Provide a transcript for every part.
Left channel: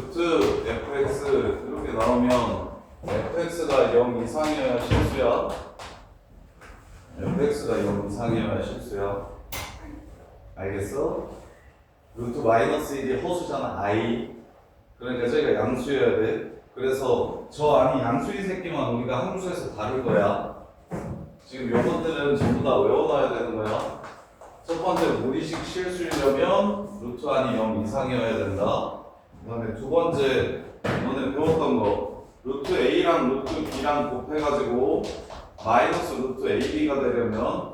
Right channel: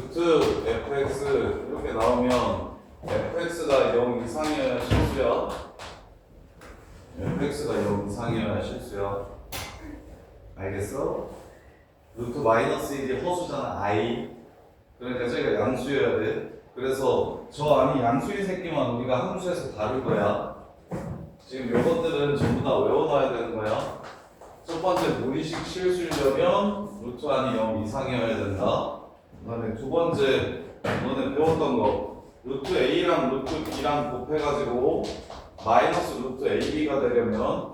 루트 fx 이렇게 나오면 fx가 0 이상이어야 실수야. fx가 0 이상이어야 실수야. 알겠어? 루트 마이너스 1이 허수잖아. i. 그러니까 저희가 양수여야 돼. 그래서 저 안이 양수인 새끼만 우리가 함수에서 다룰 거야. 지금 이것들은 전부 다 외워놔야 되는 거야. 첫 번째 무리식 실수이려면 루트 안이 0 이상이어야 된다. 그 다음에 두 번째 너네 배웠던 거 루트 a랑 루트 b랑 곱해가지고 마이너스 루트 ab가 되려면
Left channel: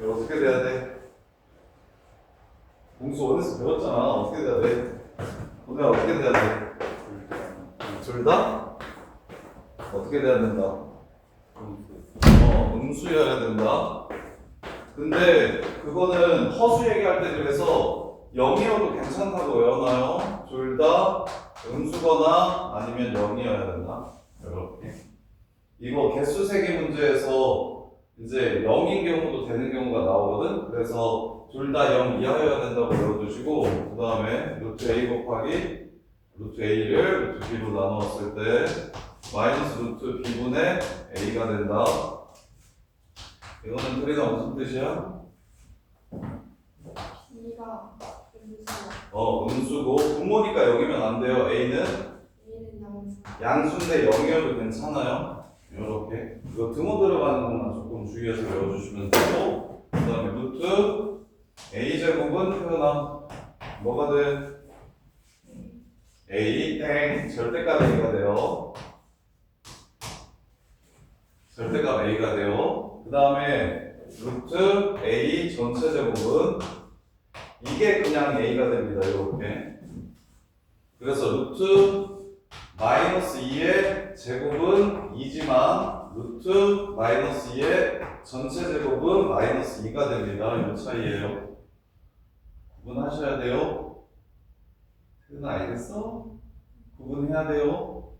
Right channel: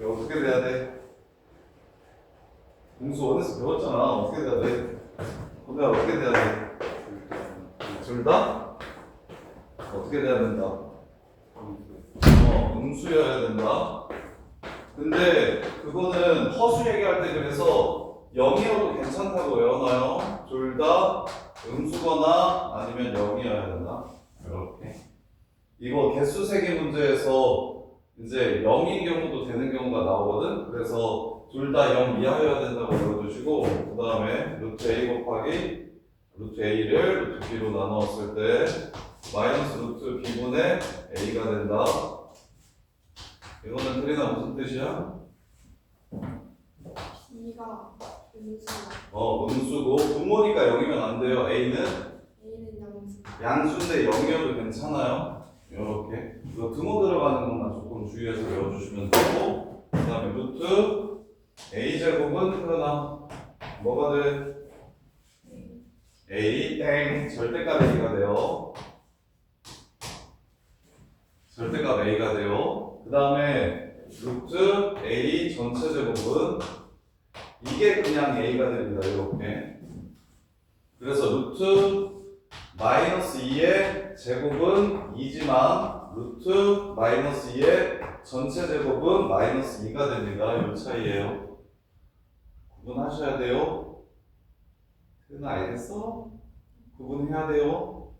이거 어떻게 돼야 돼? 공수 원에서 배웠잖아. 어떻게 돼야 돼? 너네 어떻게 돼야 돼? 둘 다? 어떻게 돼야 된다? 음수여야 된다. 근데 그거는 허수 얘기할 때 그래서 0이어도 괜찮다고 외워놔요. 둘 다 음수거나 아니면 0이어야 된다. 이렇게. 이거 개수 세기 문제에서 이제 0인 경우도 되는 경우가 나오거든. 그래서 둘 다 0 이하여야 된다고 외워두시고 그 다음에 루트 a 곱하기 루트 a를 루트 b로 나누었을 때 마이너스 루트 b분의 a가 된다. 이거는 그리나 무슨 뜻이야? B가 음수, 음수고 분모니까 0이면 안 돼요. a는 A는 양수. 양수인데 0이어도 괜찮아요. 이렇게 이거 등호 들어가는 것만 조금 주의해서 외워주시면 되고 그 다음에 루트 a제곱은 표현함 뭐가 돼? a 땡 절대값 a가 돼요. 절대값 a가 돼요. 그 다음에 루트 a 전체 제곱은 이게 그냥 a가 됩니다. 이렇게. 그래서 루트 마이너스 2의 제곱은 2지만 루트 마이너스 2의 전체 제곱은 마이너스 2가 됩니다. 이 차이예요. 구분하셔야 돼요. 그건 알겠어? 구분해야 돼요.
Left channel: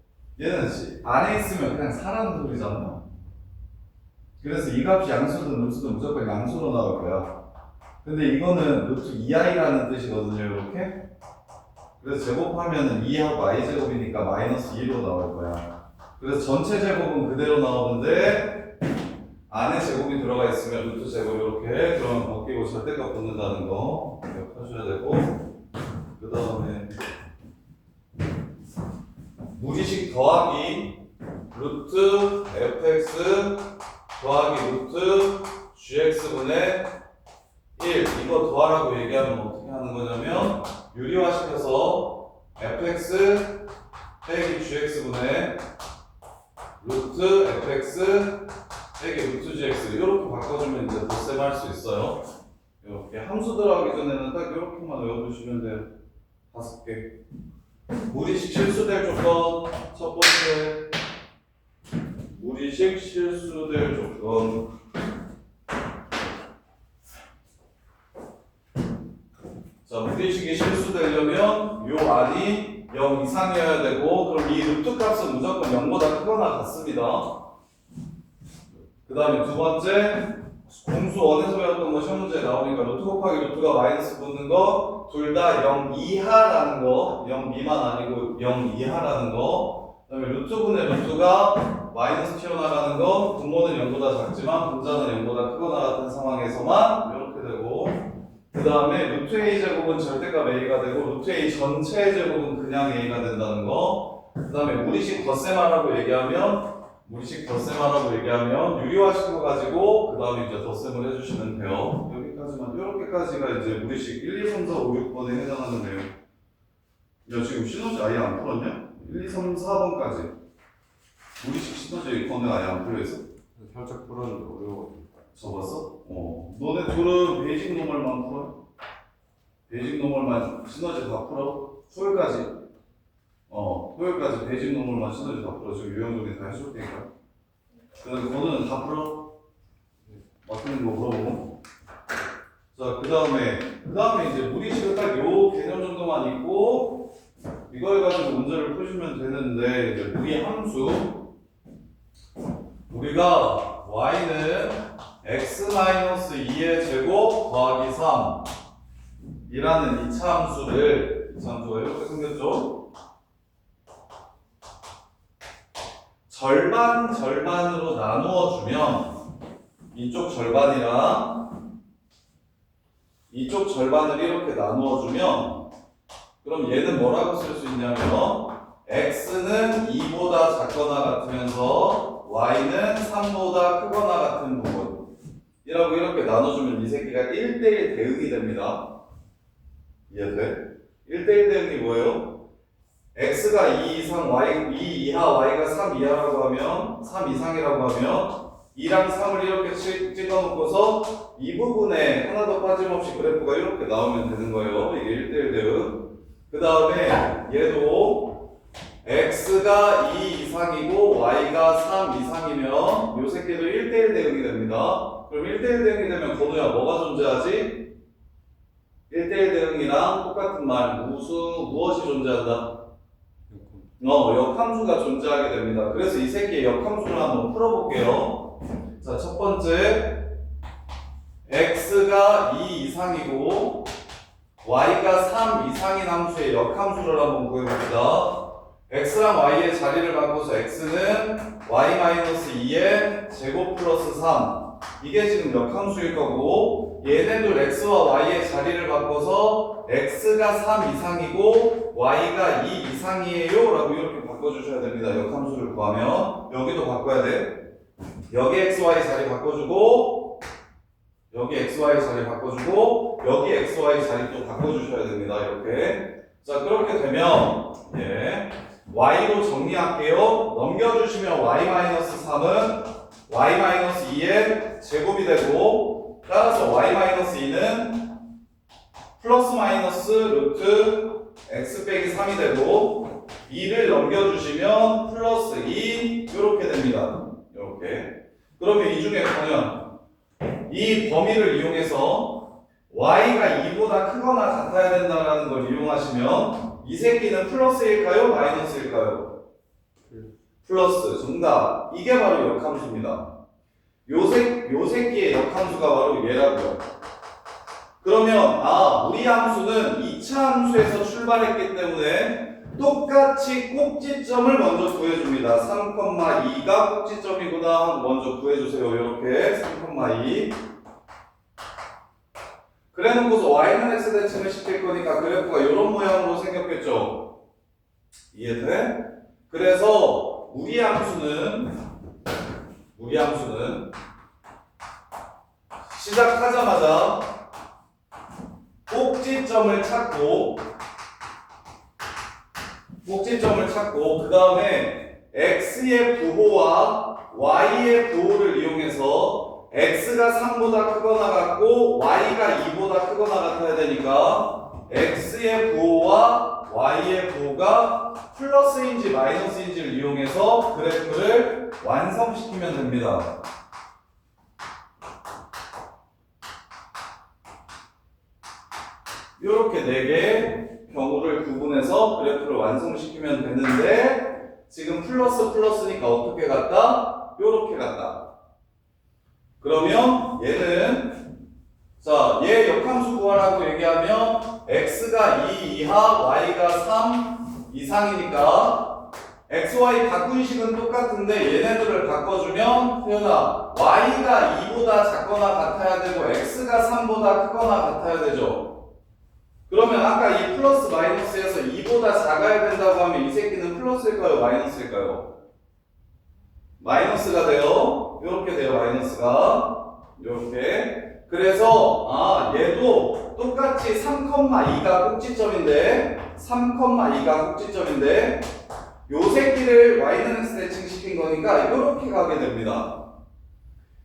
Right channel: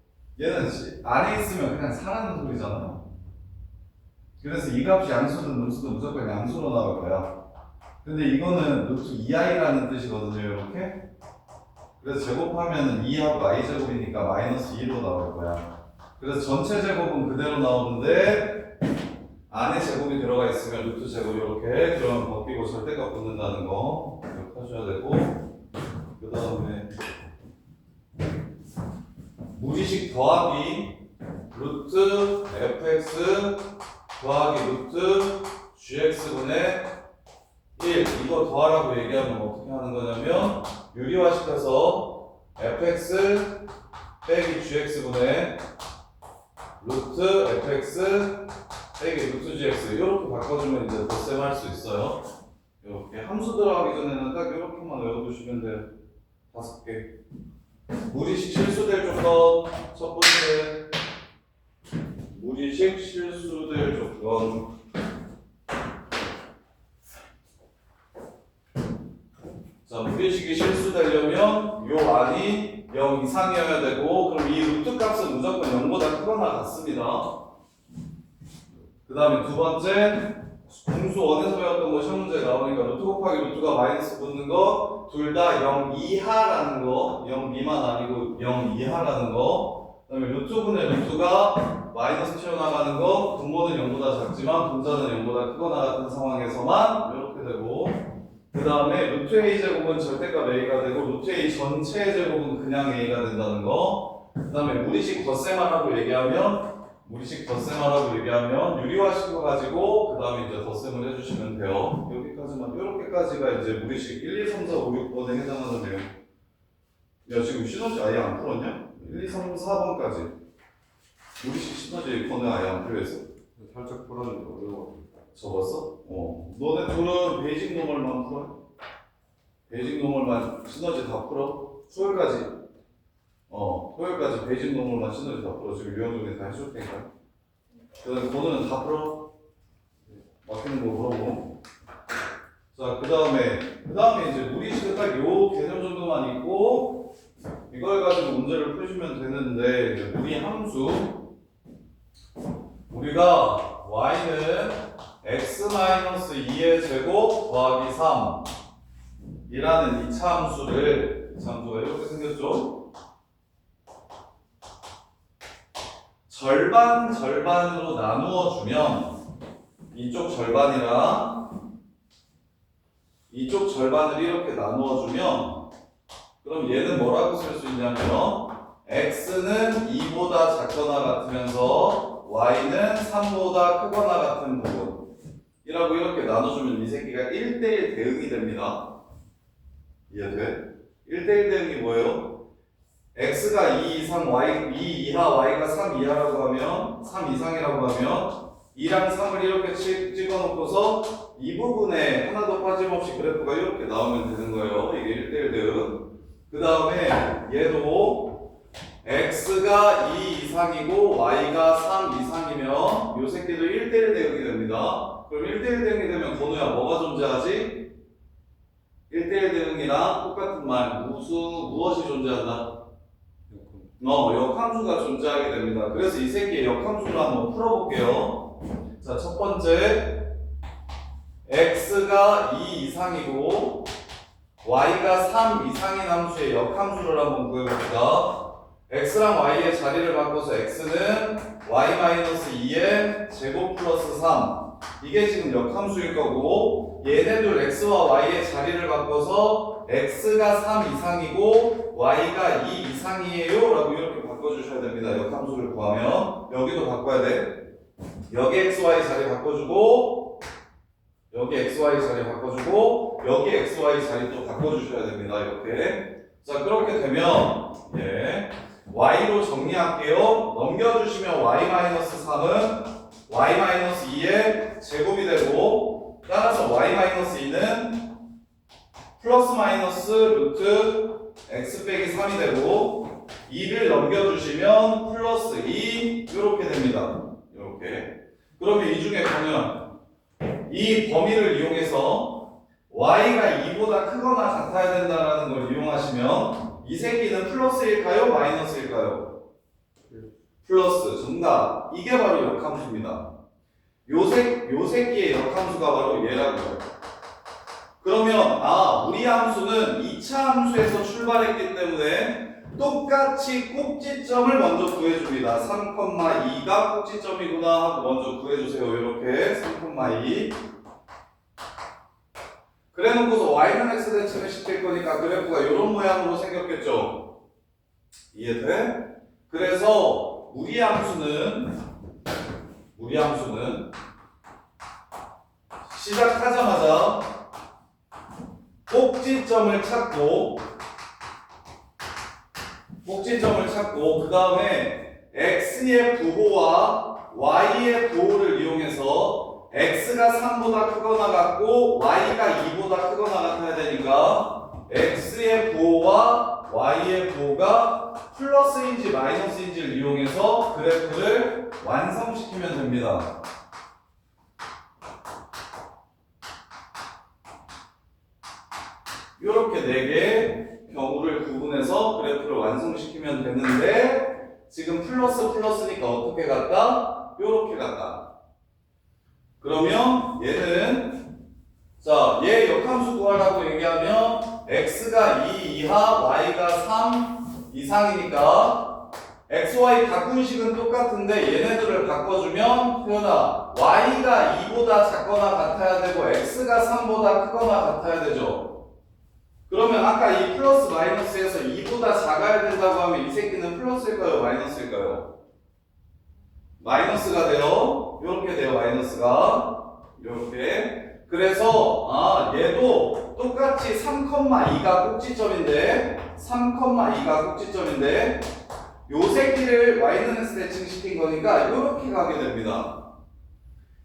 얘는 안에 있으면 그냥 사라는 소리잖아요. 그래서 이 값이 양수든 음수든 무조건 양수로 나올 거야. 근데 이거는 루트 2i라는 뜻이거든요. 이렇게. 그래서 제곱하면은 2하고 i 제곱이니까 마이너스 2로 나올 거야. 그래서 전체 제곱은 그대로 나오는데 안에 제곱이 들어가 있으면 루트 제곱 이렇게 그러면 벗기고 절대값 붙는다는 거 기억하셔야 되고 그 다음에 무리식 더하기 루트 fx 더하기 루트 gx분의 1 이거 더하라고 얘기하면 어떻게 하는 거냐면 유리화시켜서 fx 빼기 gx분의 루트 fx 빼기 루트 gx 이렇게 바꿔주면 이제 덧셈 할 수 있어요. 이렇게 함수 들어가기 전에는 딱 이렇게만 외워두시면 돼요. 5개. 무리식 실수될 조건 첫 번째 무리식 실수될 조건 자 무리식이 실수되려면 요 안이 0 이상이어야 되고 그럼 이 루트 값은 무조건 0보다 크거나 같습니다. 그 다음에 두 번째 공수 원에서 배웠던 거 시험 문제에 나오니까 루트 곱하기 루트가 마이너스 붙는 거 둘 다 0 이하라는 거 0 미만 아니고 0 이하라는 거 그 다음에 루트분의 루트가 마이너스 튀어나가는 거 분모는 0보다 작지만 분자는 0보다 크거나 같은 상황에서만 이렇게 되고 그 다음에 루트 a 제곱은 절대값 a가 되고 루트 a 전체 제곱은 그냥 a가 된다는 거 그 다음에 무리식 덧셈하라고 얘기하면 유리화 시켜가지고 그 다음에 이제 덧셈을 해주시면 돼요. 여기까지만 이렇게까지가 이제 무리식 1, 2, 3, 4, 5, 6번에 해당하는 내용. 야 지금 시너지 아예 안 풀었냐? 1, 2, 3, 4번까지 무리식 시너지 번호 아예 안 풀려있어? 살짝 풀었는데 어려워. 접었어? 너네 둘은 베이직 노멀만 풀어? 베이직 노멀만 시너지 다 풀어? 토요일까지 토요일까지 베이직 노멀만 시너지 다 풀어. 지금 유형적인 다 해줄 테니까. 그 번호는 다 풀어? 막히는 거 물어보고. 자, 그 다음에 이제 무리식은 딱 요 개념 정도만 있고 이걸 가지고 문제를 푸시면 되는데 이제 무리 함수 우리가 y는 x-2의 제곱 더하기 3 이라는 이차 함수를 함수가 이렇게 생겼죠? 절반으로 나누어 주면 이쪽 절반이랑 이쪽 절반을 이렇게 나누어 주면 그럼 얘는 뭐라고 쓸 수 있냐면 x는 2보다 작거나 같으면서 y는 3보다 크거나 같은 부분이라고 이렇게 나눠주면 이 새끼가 1대1 대응이 됩니다. 이해돼? 1대1 대응이 뭐예요? x가 2 이상 y 2 이하 y가 3 이하라고 하면 3 이상이라고 하면 2랑 3을 이렇게 찍어 놓고서 이 부분에 하나도 빠짐없이 그래프가 이렇게 나오면 되는 거예요. 이게 1대1 대응. 그 다음에 얘도 x가 2 이상이고 y가 3 이상이면 요 새끼도 1대1 대응이 됩니다. 그럼 1대1 대응이 되면 건우야 뭐가 존재하지? 1대1 대응이랑 똑같은 말 무엇이 존재한다? 역함수가 존재하게 됩니다. 그래서 이 새끼의 역함수를 한번 풀어볼게요. 자, 첫 번째 x가 2 이상이고 y가 3 이상인 함수의 역함수를 한번 구해봅시다. x랑 y의 자리를 바꿔서 x는 y-2의 제곱 플러스 3 이게 지금 역함수일 거고 얘네들 x와 y의 자리를 바꿔서 x가 3 이상이고 y가 2 이상이에요 라고 이렇게 바꿔주셔야 됩니다. 역함수를 구하면 여기도 바꿔야 돼. 여기 xy 자리 바꿔주고 여기 xy 자리 바꿔주고 여기 xy 자리 또 바꿔주셔야 됩니다. 이렇게. 자, 그렇게 되면 y로 정리할게요. 넘겨주시면 y-3은 y-2의 제곱이 되고 따라서 y-2는 플러스 마이너스 루트 x 빼기 3이 되고 2를 넘겨주시면 플러스 2 이렇게 됩니다. 이렇게. 그러면 이 중에 보면 이 범위를 이용해서 y가 2보다 크거나 같아야 된다는 걸 이용하시면 이 새끼는 플러스일까요? 마이너스일까요? 플러스. 정답. 이게 바로 역함수입니다. 요 새끼의 역함수가 바로 얘라고요. 그러면 우리 함수는 2차 함수에서 출발했기 때문에 똑같이 꼭지점을 먼저 구해줍니다. 3,2가 꼭지점이구나 하고 먼저 구해주세요. 이렇게 3,2 그래놓고서 y는 x 대칭을 시킬 거니까 그래프가 이런 모양으로 생겼겠죠. 이해돼? 그래서 우리 함수는 시작하자마자 꼭지점을 찾고 그 다음에 x의 부호와 y의 부호를 이용해서 x가 3보다 크거나 같고 y가 2보다 크거나 같아야 되니까 x의 부호와 y의 부호가 플러스인지 마이너스인지를 이용해서 그래프를 완성시키면 됩니다. 이렇게 4개의 경우를 구분해서 그래프를 완성시키면 되는데 지금 플러스니까 어떻게 갔다? 이렇게 갔다. 그러면 얘는 얘 역함수 구하라고 얘기하면 x가 2 이하 y가 3 이상이니까 xy 바꾼 식은 똑같은데 얘네들을 바꿔주면 태연아 y가 2보다 작거나 같아야 되고 x가 3보다 크거나 같아야 되죠. 그러면 아까 이 플러스 마이너스에서 2보다 작아야 된다고 하면 이 새끼는 플러스일까요? 마이너스일까요? 마이너스가 돼요. 이렇게 돼요. 마이너스가 이렇게. 그래서 얘도 똑같이 3,2가 꼭지점인데 요 새끼를 y는 x 대칭시킨 거니까 이렇게 가게 됩니다.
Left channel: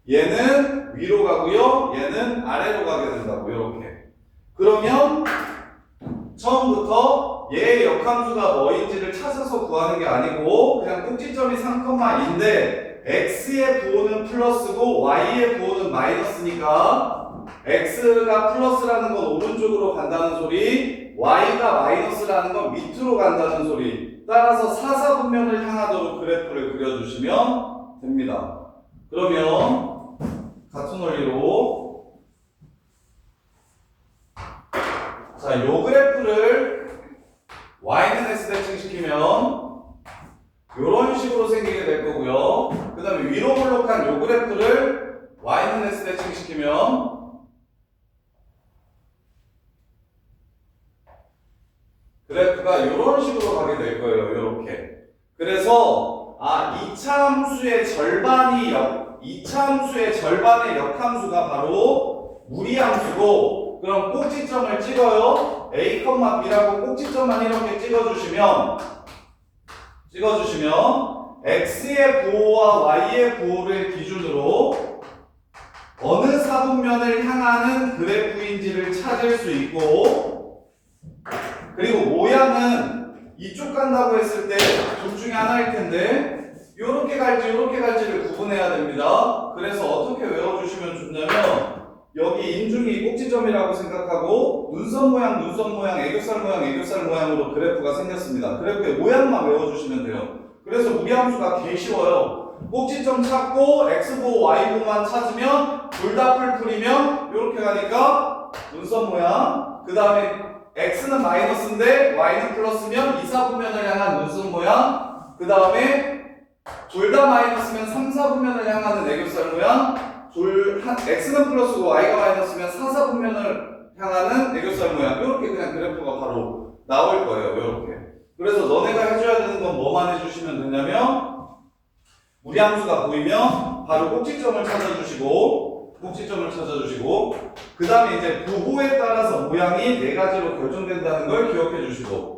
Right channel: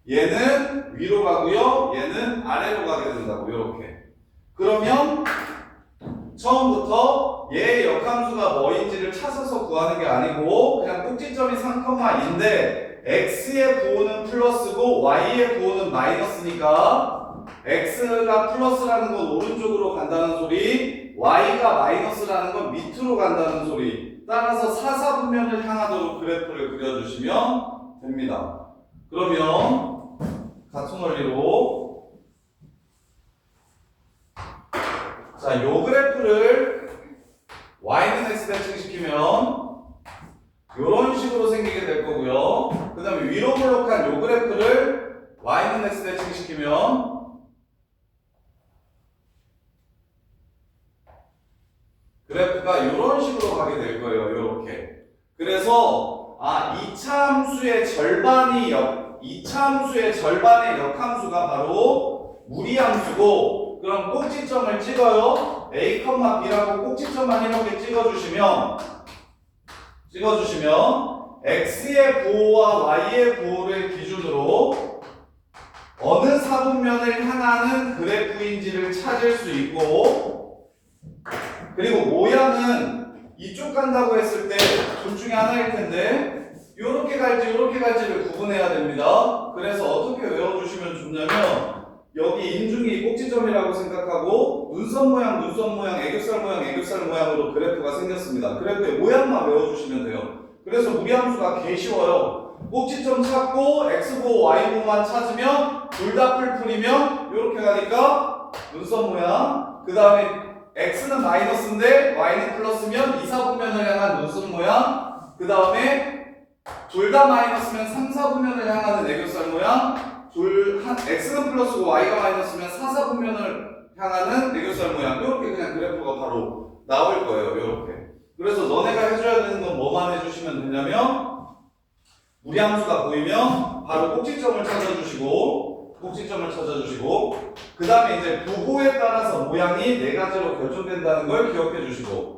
얘는 위로 가고요. 얘는 아래로 가게 된다고 이렇게. 그러면 처음부터 얘의 역함수가 뭐인지를 찾아서 구하는 게 아니고 그냥 꼭지점이 3,2인데 x의 부호는 플러스고 y의 부호는 마이너스니까 x가 플러스라는 건 오른쪽으로 간다는 소리, y가 마이너스라는 건 밑으로 간다는 소리. 따라서 사사분면을 향하도록 그래프를 그려주시면 됩니다. 그러면 같은 원리로 요 그래프를 y는 x 대칭시키면 이런 식으로 생기게 될 거고요. 그 다음에 위로 블록한 요 그래프를 y는 x 대칭시키면 그래프가 이런 식으로 가게 될 거예요. 이렇게. 그래서 이차 함수의 절반의 역함수가 바로 무리함수고, 그럼 꼭지점을 찍어요. a, b라고 꼭지점만 이렇게 찍어주시면 x의 보호와 y의 보호를 기준으로 어느 사분면을 향하는 그래프인지를 찾을 수 있고, 그리고 모양은 이쪽 간다고 했을 때 둘 중에 하나일 텐데 요렇게 갈지 요렇게 갈지를 구분해야 됩니다. 그래서 어떻게 외워주시면 좋냐면, 여기 인중이 꼭지점이라고 생각하고 눈썹 모양, 애교살 모양으로 그래프가 생겼습니다. 그래프의 모양만 외워주시면 돼요. 그래서 무리함수가 개 쉬워요. 꼭지점 찾고 x보 y보만 찾으면 둘 다 풀풀이면 이렇게 가니까 눈썹 모양, 그 다음에 x는 마이너스인데 y는 플러스면 이사분면을 향한 눈썹 모양, 그 다음에 둘 다 마이너스면 3, 4분면을 향하는 애교살 모양, x는 플러스고 y가 마이너스면 4, 4분면을 향하는 애교살 모양, 이렇게 그냥 그래프가 바로 나올 거예요. 이렇게. 그래서 너네가 해줘야 되는 건 뭐만 해주시면 되냐면, 무리함수가 보이면 바로 꼭지점을 찾아주시고, 그 다음에 이제 부호에 따라서 모양이 네 가지로 결정된다는 걸 기억해 주시고,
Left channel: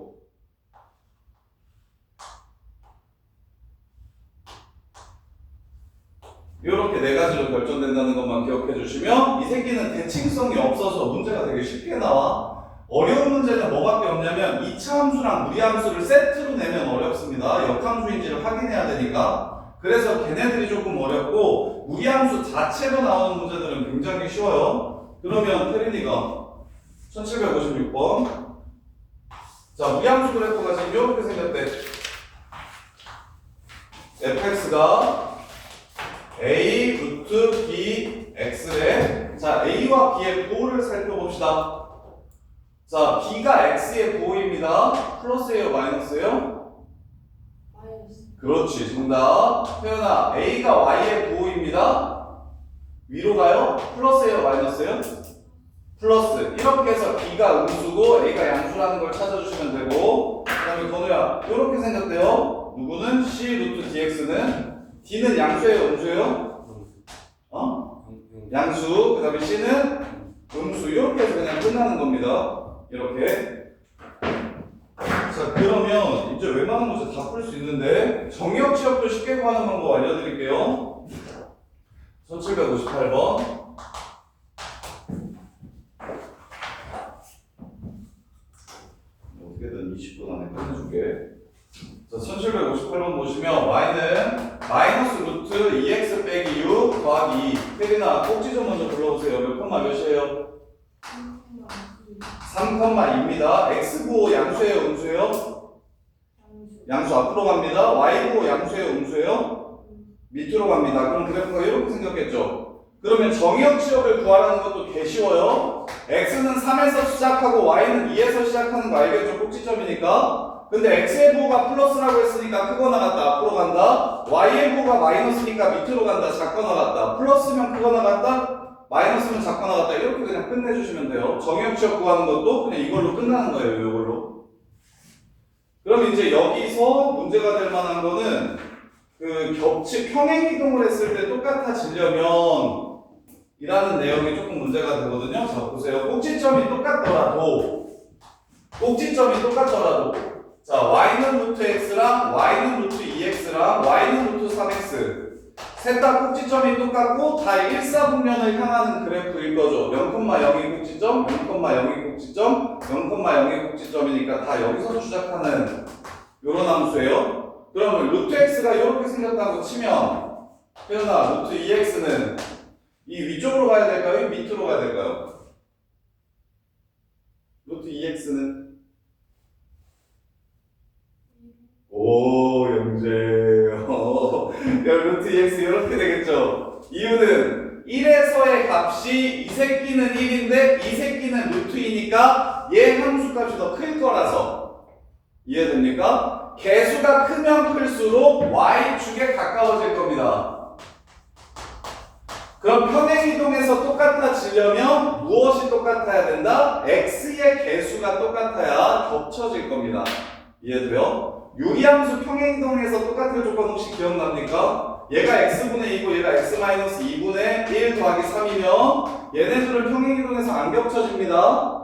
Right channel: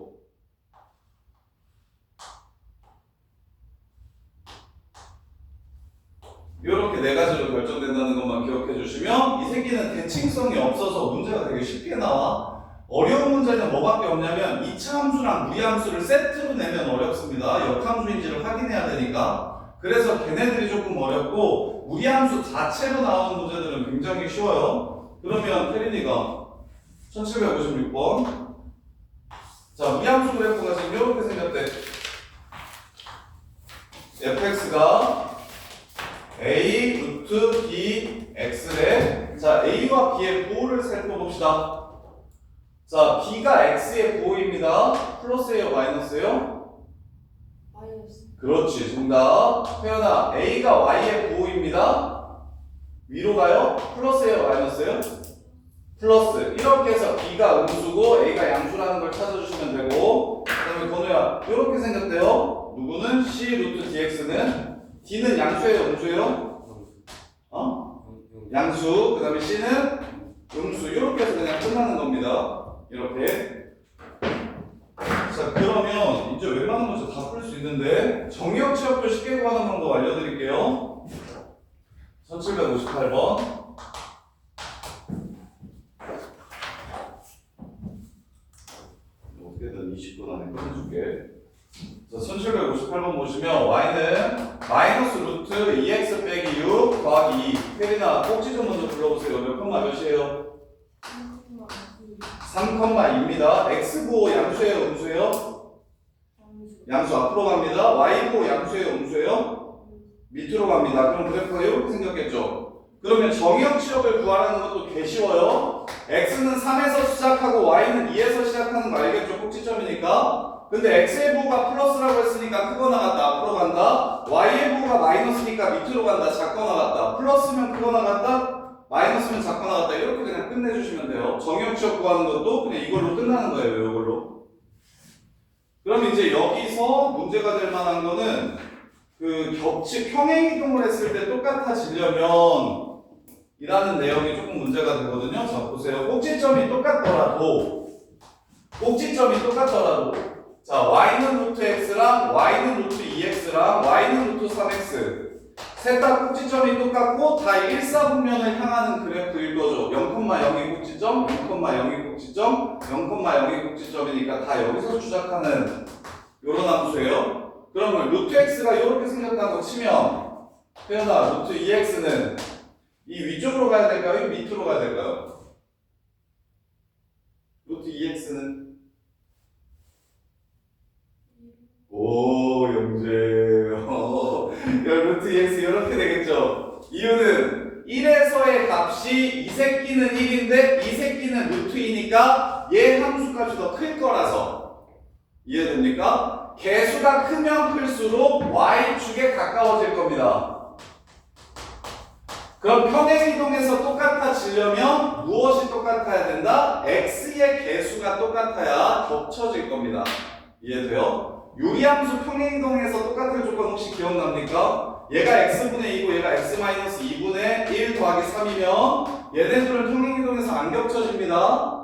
이렇게 네 가지로 결정된다는 것만 기억해 주시면, 이 새끼는 대칭성이 없어서 문제가 되게 쉽게 나와. 어려운 문제는 뭐밖에 없냐면 2차 함수랑 무리함수를 세트로 내면 어렵습니다. 역함수인지를 확인해야 되니까. 그래서 걔네들이 조금 어렵고, 무리함수 자체로 나오는 문제들은 굉장히 쉬워요. 그러면 태린이가 1756번, 자, 무리함수 그래프가 지금 이렇게 생겼대. fx가 a 루트 b x래. 자, a와 b의 부호를 살펴봅시다. 자, b가 x의 부호입니다. 플러스예요, 마이너스예요? 마이너스. 그렇지, 정답. 태연아, a가 y의 부호입니다. 위로 가요? 플러스예요, 마이너스예요? 플러스. 이렇게 해서 b가 음수고 a가 양수라는 걸 찾아주시면 되고, 그 다음에 건우야, 이렇게 생겼대요. 누구는 c 루트 dx는 d는 양수예요, 음수예요? 양수. 그 다음에 c는 음수. 이렇게 해서 그냥 끝나는 겁니다. 이렇게. 자, 그러면 이제 웬만한 문제 다 풀 수 있는데 정의역 취업도 쉽게 구하는 방법 알려드릴게요. 1758번. 어떻게든 20분 안에 끝내줄게. 자, 1758번 보시면 y는 마이너스 루트 2x 빼기 6 더하기 2. 혜린아, 꼭지 좀 먼저 불러보세요. 몇 콤마 몇이에요? 3,2입니다. x보 양수예요, 음수예요? 양수 앞으로 갑니다. y보 양수예요, 음수예요? 밑으로 갑니다. 그럼 그래프가 이렇게 생겼겠죠? 그러면 정의역 취업을 구하라는 것도 개 쉬워요. x는 3에서 시작하고 y는 2에서 시작하는 거 알겠죠? 꼭지점이니까. 근데 x의 부호가 플러스라고 했으니까 크거 나갔다, 앞으로 간다. y의 부호가 마이너스니까 밑으로 간다, 작거 나갔다. 플러스면 크거 나갔다, 마이너스면 작거 나갔다. 이렇게 그냥 끝내주시면 돼요. 정의역 취업 구하는 것도 그냥 이걸로 끝나는 거예요, 이걸로. 그럼 이제 여기서 문제가 될 만한 거는 그 겹치 평행 이동을 했을 때 똑같아지려면 이라는 내용이 조금 문제가 되거든요. 자, 보세요. 꼭지점이 똑같더라도 자, y는 루트 x랑 y는 루트 2x랑 y는 루트 3x 셋 다 꼭지점이 똑같고 다 1사분면을 향하는 그래프일 거죠. 0,0이 꼭지점, 0,0이 꼭지점, 0,0이 꼭지점이니까 다 여기서 시작하는 요런 함수예요. 그러면 루트 x가 이렇게 생겼다고 치면 태연아, 루트 2x는 이 위쪽으로 가야 될까요? 이 밑으로 가야 될까요? 루트 2x는 오, 영재. 루트 2x 이렇게 되겠죠. 이유는 1에서의 값이 이 새끼는 1인데 이 새끼는 루트이니까 얘 함수값이 더 클 거라서 이해됩니까? 개수가 크면 클수록 y축에 가까워질 겁니다. 그럼 평행이동에서 똑같아지려면 무엇이 똑같아야 된다? x의 개수가 똑같아야 겹쳐질 겁니다. 이해돼요? 유리함수 평행이동에서 똑같은 조건 혹시 기억납니까? 얘가 x분의 2고 얘가 x-2분의 1 더하기 3이면 얘네들은 평행이동에서 안 겹쳐집니다.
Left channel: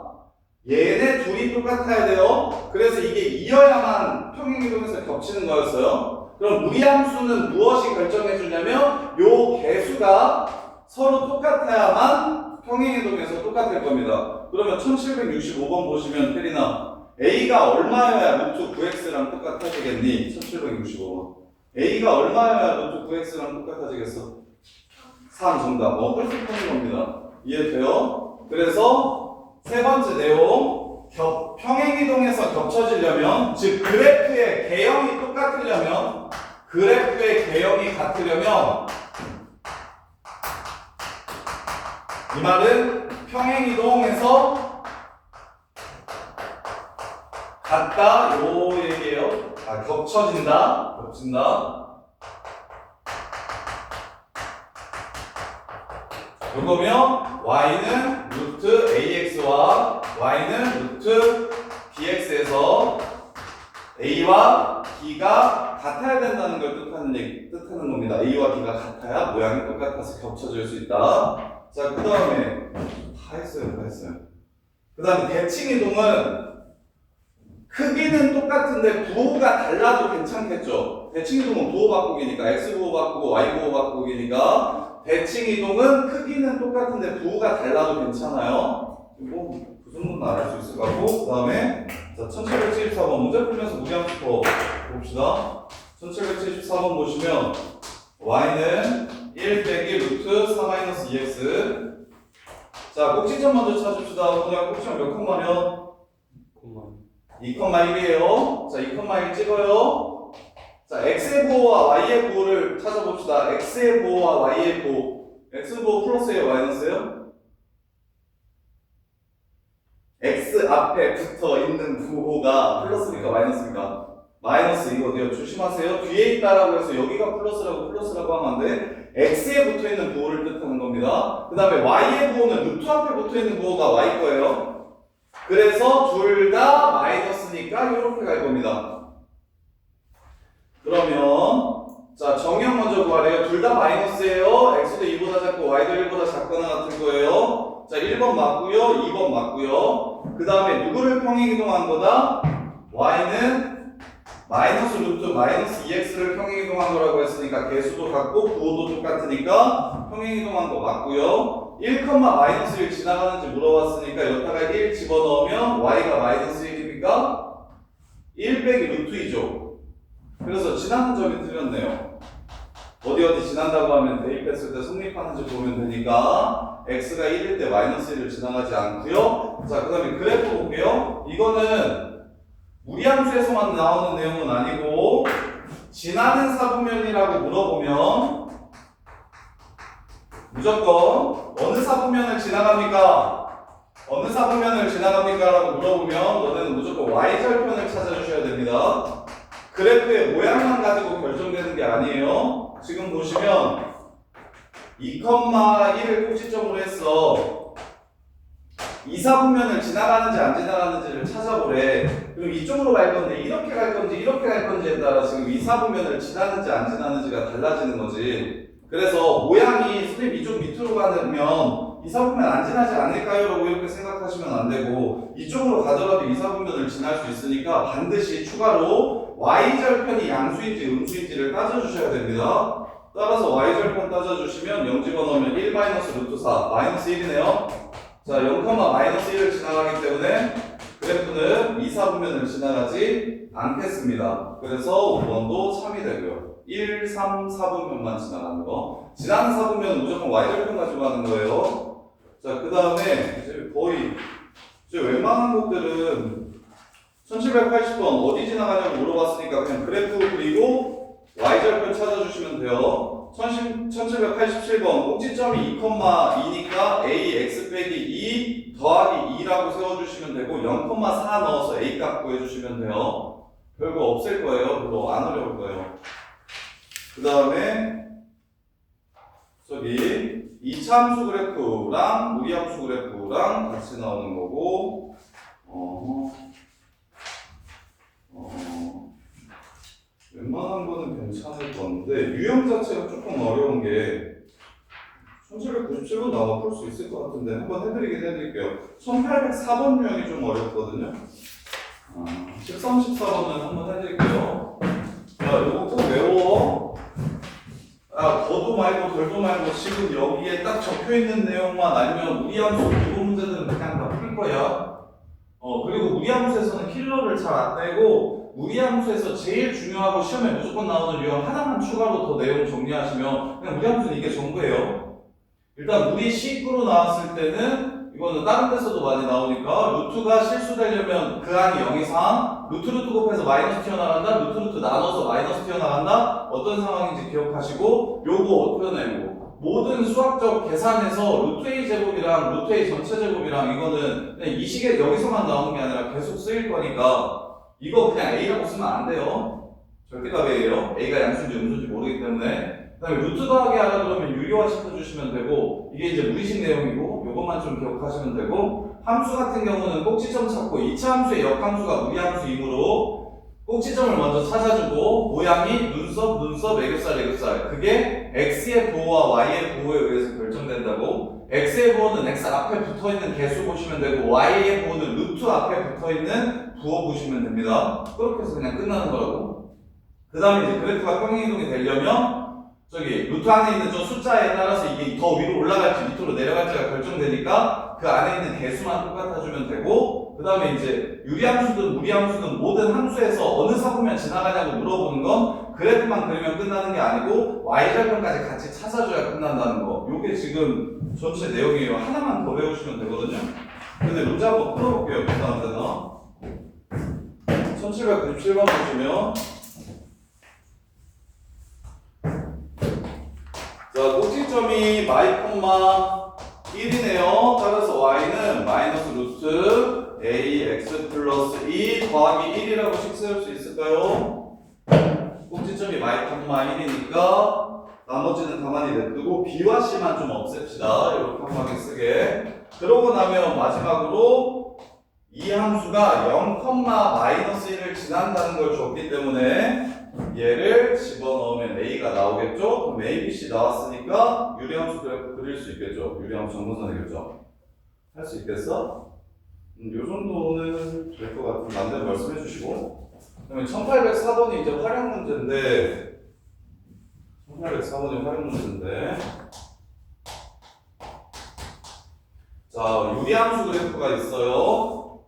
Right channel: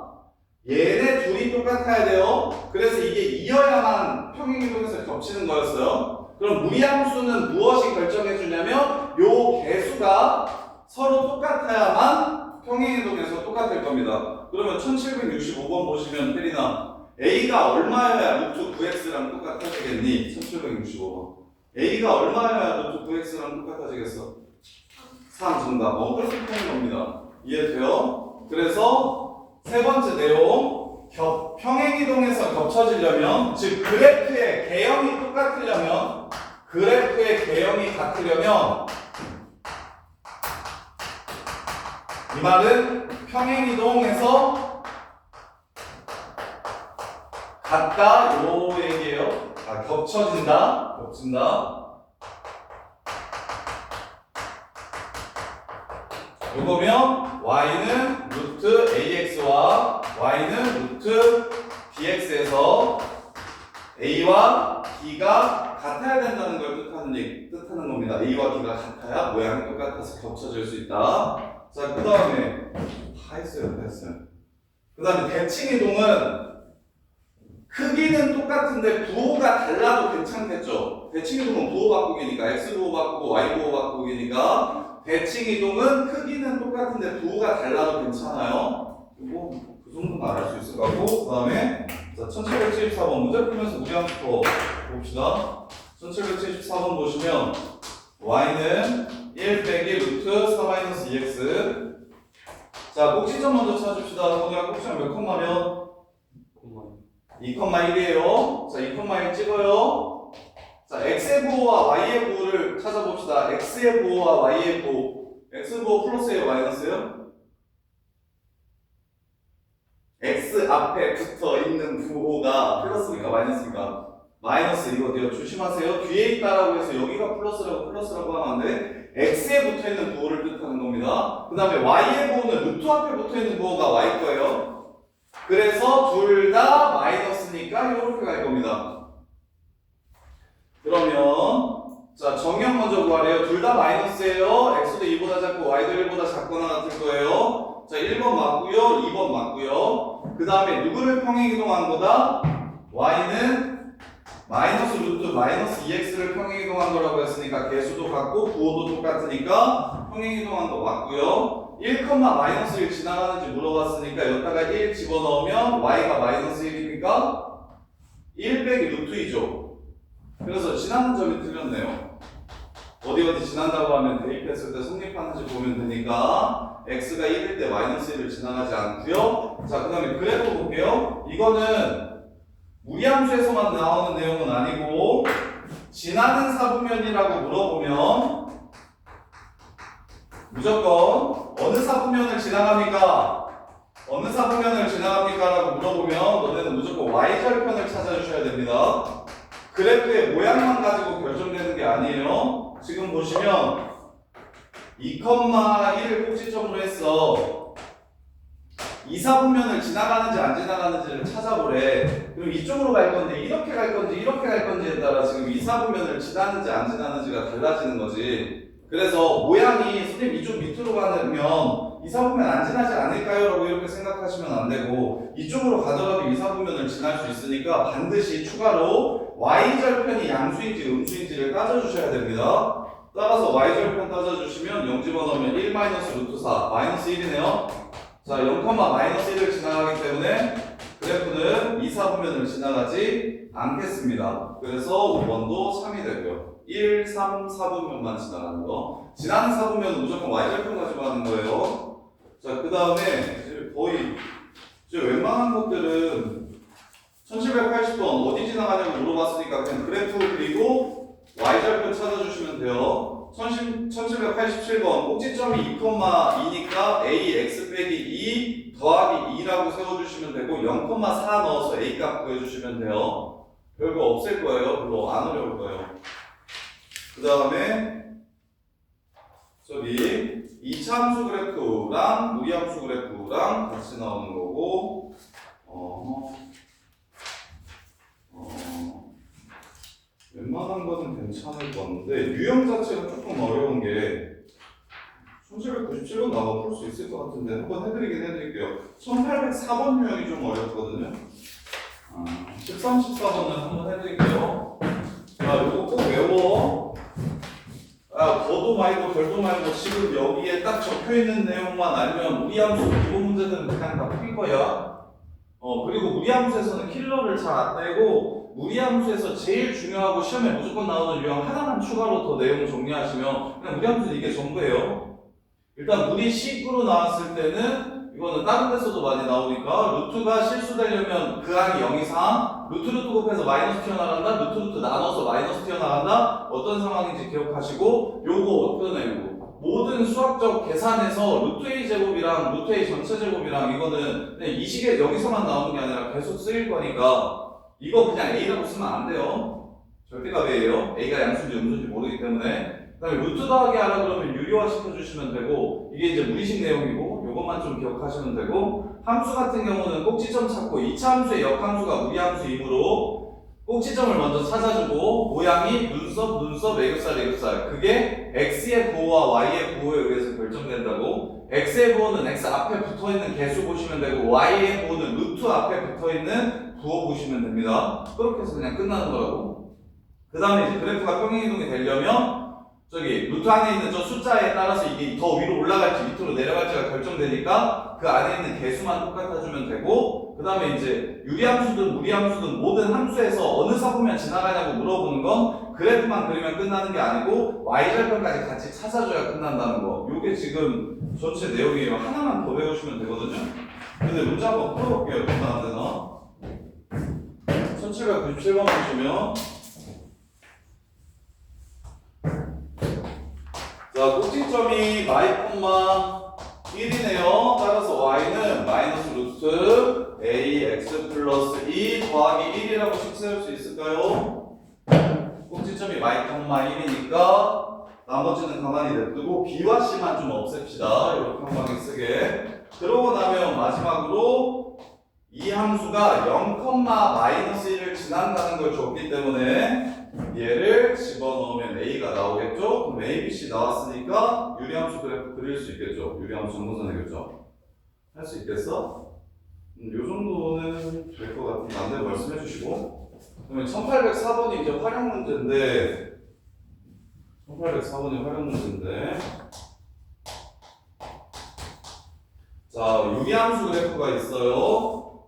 얘네 둘이 똑같아야 돼요. 그래서 이게 2여야만 평행이동에서 겹치는 거였어요. 그럼 무리함수는 무엇이 결정해 주냐면 요 개수가 서로 똑같아야만 평행이동에서 똑같을 겁니다. 그러면 1765번 보시면 혜린아 A가 얼마여야 루트 9x랑 똑같아지겠니? 1765번 A가 얼마여야 루트 9x랑 똑같아지겠어? 3 정답. 그래서 푸는 겁니다. 이해돼요? 그래서 세 번째 내용 평행이동에서 겹쳐지려면 즉 그래프의 개형이 똑같으려면 그래프의 개형이 같으려면 이 말은 평행이동에서 같다 요 얘기예요. 겹쳐진다. 요거면 y는 루트 ax와 y는 루트 bx에서 a와 b가 같아야 된다는 걸 뜻하는 겁니다. a와 b가 같아야 모양이 똑같아서 겹쳐질 수 있다. 자, 그 다음에 다 했어요. 그 다음에 대칭이동은 크기는 똑같은데 부호가 달라도 괜찮겠죠. 대칭이동은 부호 바꾸기니까 x 부호 바꾸고 y 부호 바꾸기니까 대칭이동은 크기는 똑같은데 부호가 달라도 괜찮아요. 그리고 그 정도는 알아볼 수 있을 것 같고 그 다음에 자 1774번 문제 풀면서 무리함수법 봅시다. 1774번 보시면 y는 1 빼기 루트 4-2x 자 꼭지점 먼저 찾읍시다. 그냥 꼭지점 몇 콤마면? 2,1이에요. 자 2,1 찍어요. 자 x의 부호와 y의 부호를 찾아봅시다. x의 부호와 y의 부호 x 부호 플러스예요 마이너스예요? x 앞에 붙어 있는 부호가 플러스니까 마이너스니까 마이너스 이거 돼요. 조심하세요. 뒤에 있다라고 해서 여기가 플러스라고 하면 안 돼. x에 붙어 있는 부호를 뜻하는 겁니다. 그 다음에 y의 부호는 루트 앞에 붙어 있는 부호가 y 거예요. 그래서 둘 다 마이너스니까 이렇게 갈 겁니다. 그러면 자 정형 먼저 구하래요. 둘 다 마이너스예요. x도 2보다 작고 y도 1보다 작거나 같은 거예요. 자 1번 맞고요. 2번 맞고요. 그 다음에 누구를 평행이동한 거다? y는 마이너스 루트 마이너스 2x를 평행이동한 거라고 했으니까 개수도 같고 부호도 똑같으니까 평행이동한 거 맞고요. 1, 마이너스 1 지나가는지 물어봤으니까 여기다가 1 집어넣으면 y가 마이너스 1이니까 1 빼기 루트 2죠. 그래서 지나는 점이 틀렸네요. 어디 지난다고 하면 대입했을 때 성립하는지 보면 되니까 x가 1일 때 마이너스 1을 지나가지 않고요. 자, 그 다음에 그래프 볼게요. 이거는 무리함수에서만 나오는 내용은 아니고 지나는 사분면이라고 물어보면 무조건 어느 사분면을 지나갑니까? 라고 물어보면 너네는 무조건 y절편을 찾아주셔야 됩니다. 그래프의 모양만 가지고 결정되는 게 아니에요. 지금 보시면 2,1을 꼭지점으로 했어. 이 사분면을 지나가는지 안 지나가는지를 찾아보래. 그럼 이쪽으로 갈 건데 이렇게 갈 건지에 따라 지금 이 사분면을 지나는지 안 지나는지가 달라지는 거지. 그래서 모양이 선생님 이쪽 밑으로 가면 이 사분면 안 지나지 않을까요? 라고 이렇게 생각하시면 안 되고 이쪽으로 가더라도 이 사분면을 지날 수 있으니까 반드시 추가로 y절편이 양수인지 음수인지를 따져주셔야 됩니다. 따라서 y절편 따져주시면 0 집어넣으면 1 루트 4 마이너스 1이네요. 자, 0,-1을 지나가기 때문에 그래프는 이 사분면을 지나가지 않겠습니다. 그래서 5번도 3이 되고요. 1, 3, 4분면만 지나가는 거. 지나는 사분면은 무조건 y절편 가지고 가는 거예요. 자, 그 다음에 거의 웬만한 것들은 1780번 어디 지나가냐고 물어봤으니까 그냥 그래프 그리고 y절편 찾아주시면 돼요. 1787번 꼭지점이 2,2니까 a x 빼기 2 더하기 2라고 세워주시면 되고 0,4 넣어서 a 값 구해주시면 돼요. 별거 없을 거예요. 별로 안 어려울 거예요. 그 다음에 저기 2차 함수 그래프랑 무리함수 그래프랑 같이 나오는 거고 웬만한 거는 괜찮을 건데 유형 자체가 조금 어려운 게 1797번 나오면 풀 수 있을 것 같은데 한번 해드릴게요. 1804번 유형이 좀 어렵거든요. 13, 14번은 한번 해드릴게요. 자, 이거 꼭 외워. 더도 말고 덜도 말고 지금 여기에 딱 적혀있는 내용만 알면 무리함수 기본 문제들은 그냥 다 풀 거야. 그리고 무리함수에서는 킬러를 잘 안 내고 무리함수에서 제일 중요하고 시험에 무조건 나오는 유형 하나만 추가로 더 내용 정리하시면 그냥 무리함수는 이게 전부예요. 일단 무리 식으로 나왔을 때는 이거는 다른 데서도 많이 나오니까 루트가 실수되려면 그 항이 0 이상 루트 곱해서 마이너스 튀어나간다 루트 나눠서 마이너스 튀어나간다 어떤 상황인지 기억하시고 요거 표현해 요거 모든 수학적 계산에서 루트 A 제곱이랑 루트 A 전체 제곱이랑 이거는 그냥 이 식에 여기서만 나오는 게 아니라 계속 쓰일 거니까 이거 그냥 A라고 쓰면 안 돼요. 절대값 A예요. A가 양수인지 음수인지 모르기 때문에 그 다음에 루트 더하기 하라 그러면 유리화 시켜주시면 되고 이게 이제 무리식 내용이고 요것만 좀 기억하시면 되고 함수 같은 경우는 꼭지점 찾고 2차 함수의 역함수가 무리함수이므로 꼭지점을 먼저 찾아주고 모양이 눈썹, 애교살 그게 x의 부호와 y의 부호에 의해서 결정된다고 x의 부호는 x 앞에 붙어있는 개수 보시면 되고 y의 부호는 루트 앞에 붙어있는 부호 보시면 됩니다. 그렇게 해서 그냥 끝나는 거라고. 그 다음에 이제 그래프가 평행이동이 되려면 저기 루트 안에 있는 저 숫자에 따라서 이게 더 위로 올라갈지 밑으로 내려갈지가 결정되니까 그 안에 있는 개수만 똑같아주면 되고 그 다음에 이제 유리함수든 무리함수든 모든 함수에서 어느 사보면 지나가냐고 물어보는 건 그래프만 그리면 끝나는 게 아니고 y절편까지 같이 찾아줘야 끝난다는 거. 요게 지금 전체 내용이에요. 하나만 더 외우시면 되거든요. 근데 문제 한번 풀어볼게요. 간단한 데서 1797번 보시면 자, 꼭지점이 y, 1이네요. 따라서 y는 마이너스 루트 ax 플러스 2 더하기 1이라고 식 세울 수 있을까요? 꼭지점이 y, 1이니까 나머지는 가만히 냅두고 b와 c만 좀 없앱시다. 이렇게 한 방에 쓰게. 그러고 나면 마지막으로 이 함수가 0,-1을 지난다는 걸 줬기 때문에 얘를 집어넣으면 A가 나오겠죠? 그럼 A, B, C 나왔으니까 유리함수 그래프 그릴 수 있겠죠? 유리함수 정보선이겠죠? 할 수 있겠어? 요 정도는 될 것 같은데 안 되면 말씀해 주시고 그러면 1804번이 이제 활용 문제인데 1804번이 활용 문제인데 자, 유리함수 그래프가 있어요.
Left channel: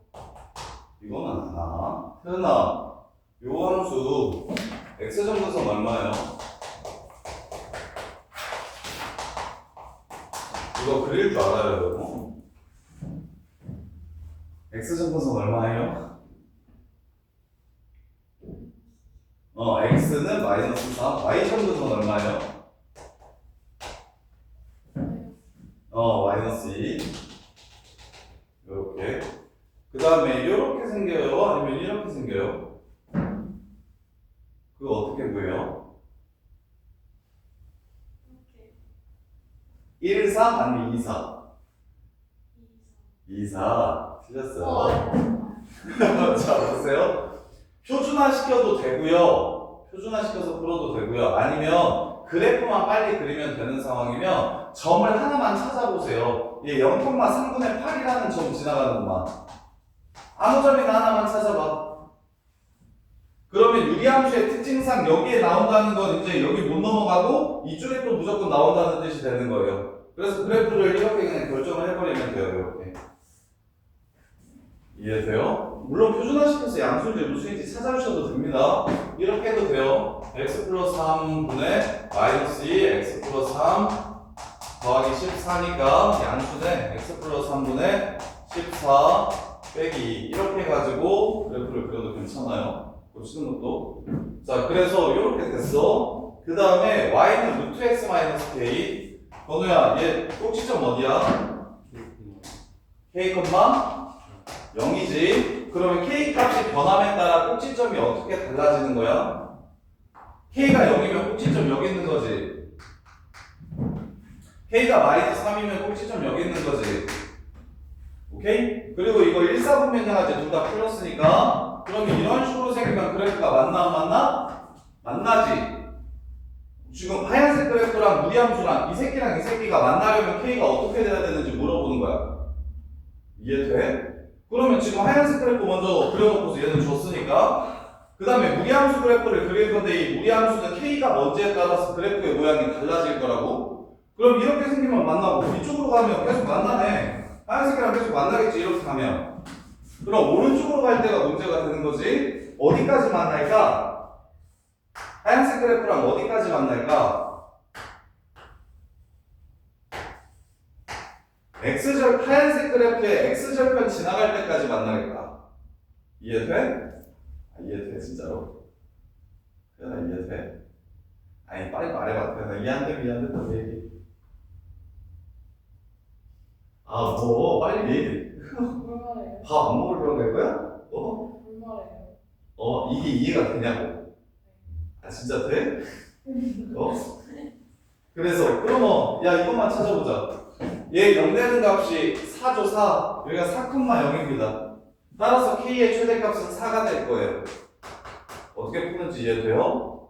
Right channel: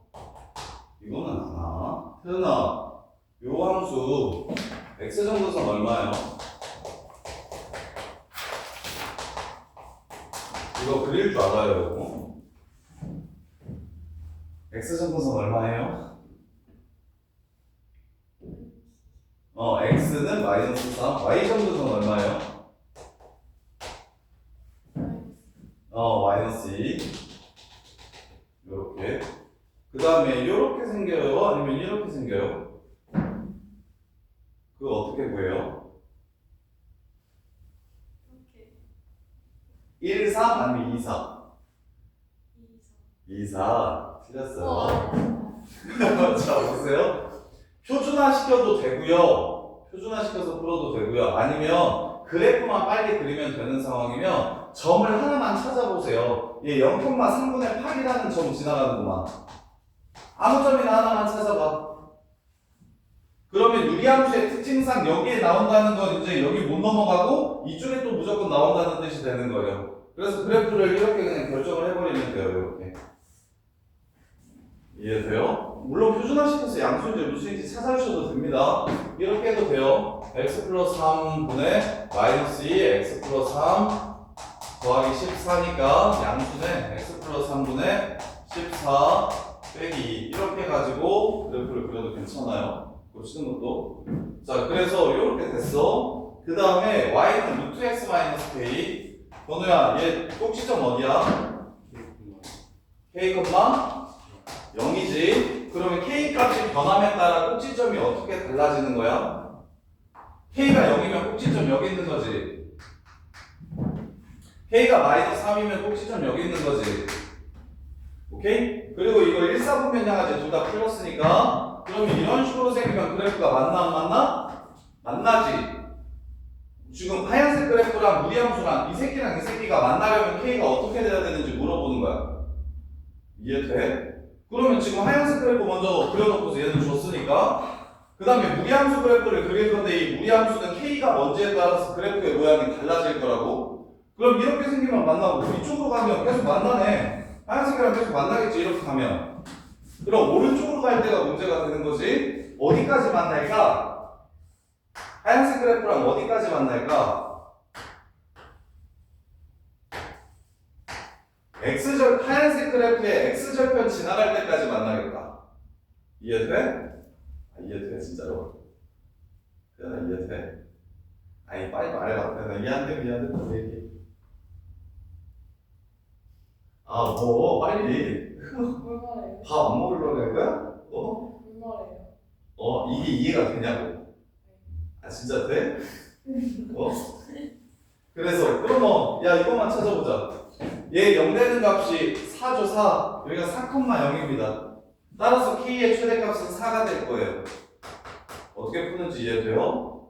이거는 하나 태어나 요 함수 x정도선 얼마예요? 이거 그릴 줄 알아요. x정도선 얼마예요? x는 마이너스 3 y정도선 얼마예요? 마이너스 2 요렇게 그 다음에 요렇게 생겨요? 아니면 이렇게 생겨요? 그거 어떻게 구해요? 1, 3 아니면 2, 4? 2, 4 틀렸어요. 자 보세요. 표준화 시켜도 되고요. 표준화 시켜서 풀어도 되고요. 아니면 그래프만 빨리 그리면 되는 상황이면 점을 하나만 찾아보세요. 얘 0,3분의 8이라는 점 지나가는구만. 아무 점이나 하나만 찾아봐. 그러면 유리함수의 특징상 여기에 나온다는 건 이제 여기 못 넘어가고 이쪽에 또 무조건 나온다는 뜻이 되는 거예요. 그래서 그래프를 이렇게 그냥 결정을 해버리면 돼요. 이렇게. 이해돼요? 물론 표준화시켜서 양수인지 음수인지 찾아주셔도 됩니다. 이렇게 해도 돼요. x 플러스 3분의 마이너스 2 x 플러스 3 더하기 14니까 양수는 x 플러스 3분의 14 빼기 2 이렇게 해가지고 그래프를 그려도 괜찮아요. 보시는 것도. 자, 그래서 이렇게 됐어. 그 다음에 y는 루트 x 마이너스 k. 건우야, 얘 꼭지점 어디야? k, 0이지. 그러면 k 값이 변함에 따라 꼭지점이 어떻게 달라지는 거야? k가 0이면 꼭지점 여기 있는 거지. k가 마이너스 3이면 꼭지점 여기 있는 거지. 오케이? 그리고 이거 1, 4분면 향하지 둘 다 풀렸으니까 그러면 이런 식으로 생기면 그래프가 맞나 안 맞나? 만나지. 지금 하얀색 그래프랑 무리함수랑 이 새끼가 만나려면 k가 어떻게 돼야 되는지 물어보는 거야. 이해돼? 그러면 지금 하얀색 그래프 먼저 그려놓고서 얘는 줬으니까 그 다음에 무리함수 그래프를 그릴 건데 이 무리함수는 k가 뭔지에 따라서 그래프의 모양이 달라질 거라고. 그럼 이렇게 생기면 만나고 이쪽으로 가면 계속 만나네. 하얀색이랑 계속 만나겠지 이렇게 가면. 그럼 오른쪽으로 갈 때가 문제가 되는 거지. 어디까지 만날까? 하얀색 그래프랑 어디까지 만날까? 하얀색 그래프의 x절편 지나갈 때까지 만나겠다. 이해돼? 아, 이해돼 진짜로? 태연아 이해돼? 아니 빨리 말해봐. 태연아 미안해 또 얘기. 아 뭐 빨리 얘기. 뭘 말해요? 밥 안 먹으려고 할 거야? 어? 뭘 말해요? 이게 이해가 되냐고? 아 진짜 돼? 어? 그래서 그러면 야 이것만 찾아보자. 얘 0 되는 값이 4죠 4. 여기가 4,0입니다. 따라서 k의 최대값은 4가 될 거예요. 어떻게 푸는지 이해돼요?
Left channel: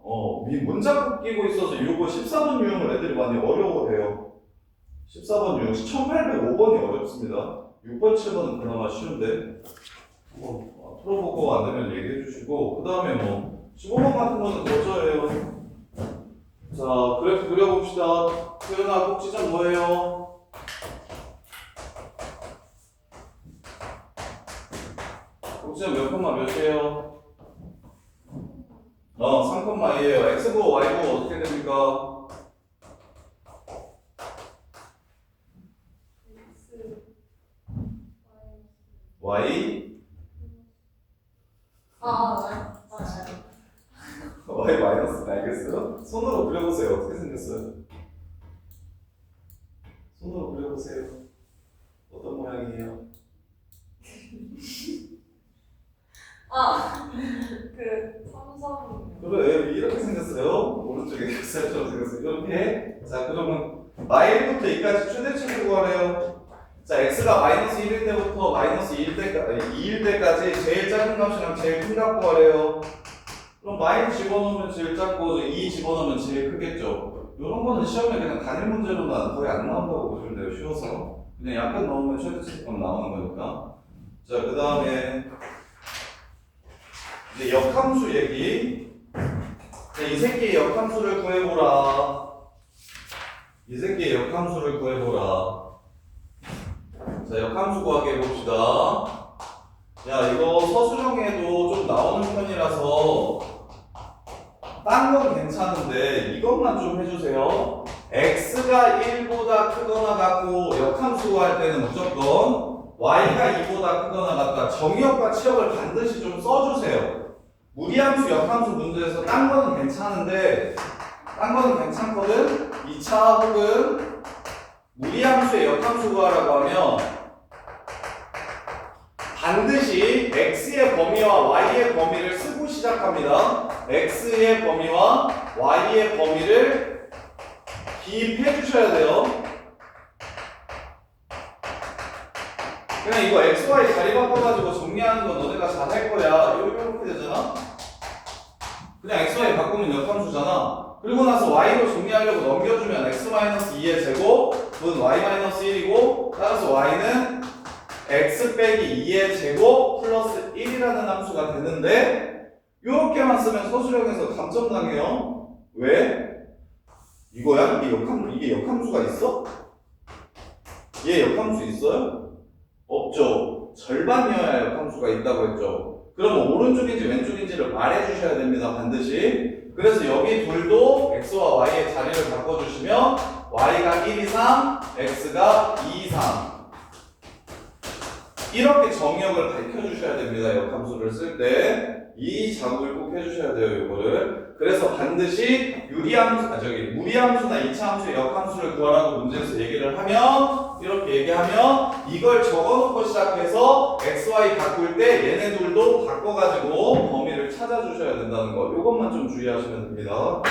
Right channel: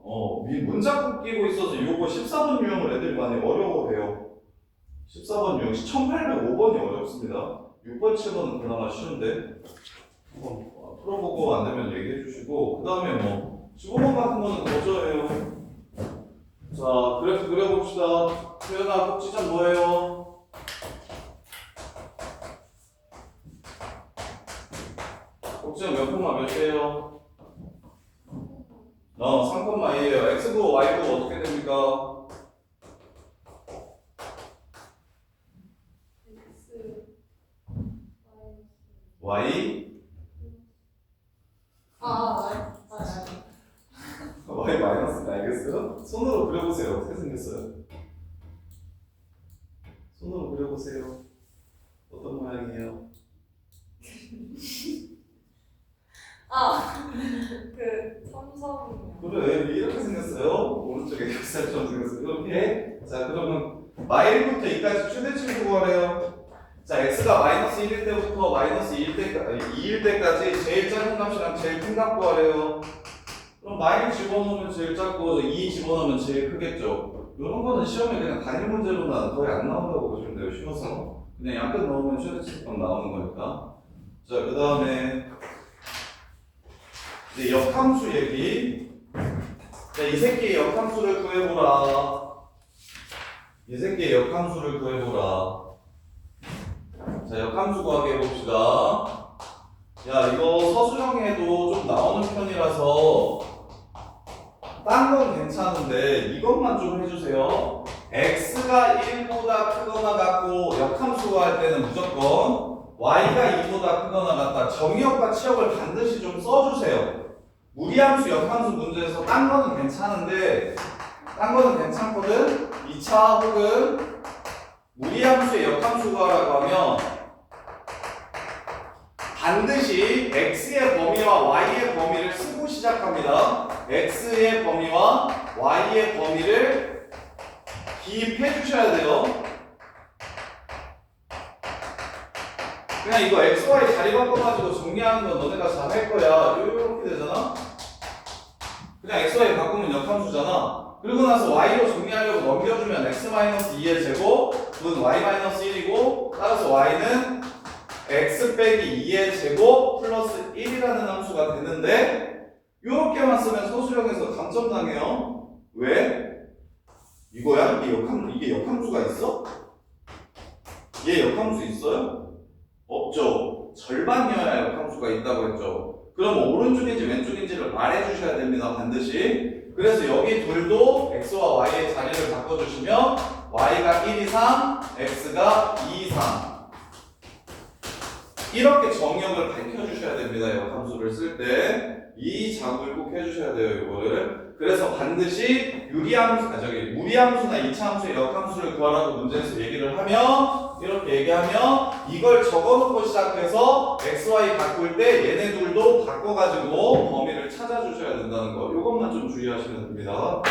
문자국 끼고 있어서 요거 14번 유형을 애들이 많이 어려워해요. 14번 유형 1805번이 어렵습니다. 6번 7번은 그나마 쉬운데 풀어보고 안 되면 얘기해 주시고 그 다음에 뭐 15번 같은 거는 거저예요. 자 그래프 그려봅시다. 표현아 꼭지점 뭐예요? 꼭지점 몇 콤마 몇이에요? 3,2예요. x부 y부 어떻게 됩니까? y y 마이너스 알겠어요? 손으로 그려보세요. 어떻게 생겼어요? 손으로 그려보세요. 어떤 모양이에요? 삼성. 그래 이렇게 생겼어요. 오른쪽에 겹살처럼 생겼어요. 이렇게. 자 그러면 마일부터 2까지 최대치를 구하래요. 자 x가 마이너스 1일 때부터 마이너스 2일 때까지 제일 작은 값이랑 제일 큰 값 구하래요. 그럼 마이 집어넣으면 제일 작고 2 집어넣으면 제일 크겠죠. 이런 거는 시험에 그냥 단일 문제로는 거의 안 나온다고 보시면 돼요. 쉬워서 그냥 약간 넣으면 최대치값 나오는 거니까. 자 그 다음에 이제 역함수 얘기. 자, 이 새끼의 역함수를 구해보라. 이 새끼의 역함수를 구해보라. 자, 역함수 구하기 해봅시다. 야, 이거 서술형에도 좀 나오는 편이라서 딴 건 괜찮은데 이것만 좀 해주세요. x가 1보다 크거나 같고 역함수 구할 때는 무조건 y가 2보다 크거나 같다. 정의역과 치역을 반드시 좀 써주세요. 무리함수, 역함수 문제에서 딴 거는 괜찮은데 딴 거는 괜찮거든? 2차 혹은 무리함수의 역함수 구하라고 하면 반드시 x의 범위와 y의 범위를 쓰고 시작합니다. x의 범위와 y의 범위를 기입해 주셔야 돼요. 그냥 이거 x, y 자리 바꿔가지고 정리하는 건 너네가 잘 할 거야. 이렇게 되잖아? 그냥 x, y 바꾸면 역함수잖아. 그리고 나서 y로 정리하려고 넘겨주면 x-2의 제곱은 y-1이고 따라서 y는 x 빼기 2의 제곱 플러스 1이라는 함수가 되는데 이렇게만 쓰면 서술형에서 감점당해요. 왜? 이거야? 이게 역함수가 있어? 얘 역함수 있어요? 없죠. 절반이어야 역함수가 있다고 했죠. 그러면 오른쪽인지 왼쪽인지를 말해주셔야 됩니다. 반드시. 그래서 여기 둘도 x와 y의 자리를 바꿔주시면 y가 1 이상, x가 2 이상. 1 이렇게 정의역을 밝혀주셔야 됩니다. 역함수를 쓸 때 이 작업을 꼭 해주셔야 돼요. 이거를. 그래서 반드시 무리함수나 이차함수의 역함수를 구하라고 문제에서 얘기를 하면 이렇게 얘기하면 이걸 적어놓고 시작해서 x, y 바꿀 때 얘네들도 바꿔가지고 범위를 찾아주셔야 된다는 거. 이것만 좀 주의하시면 됩니다.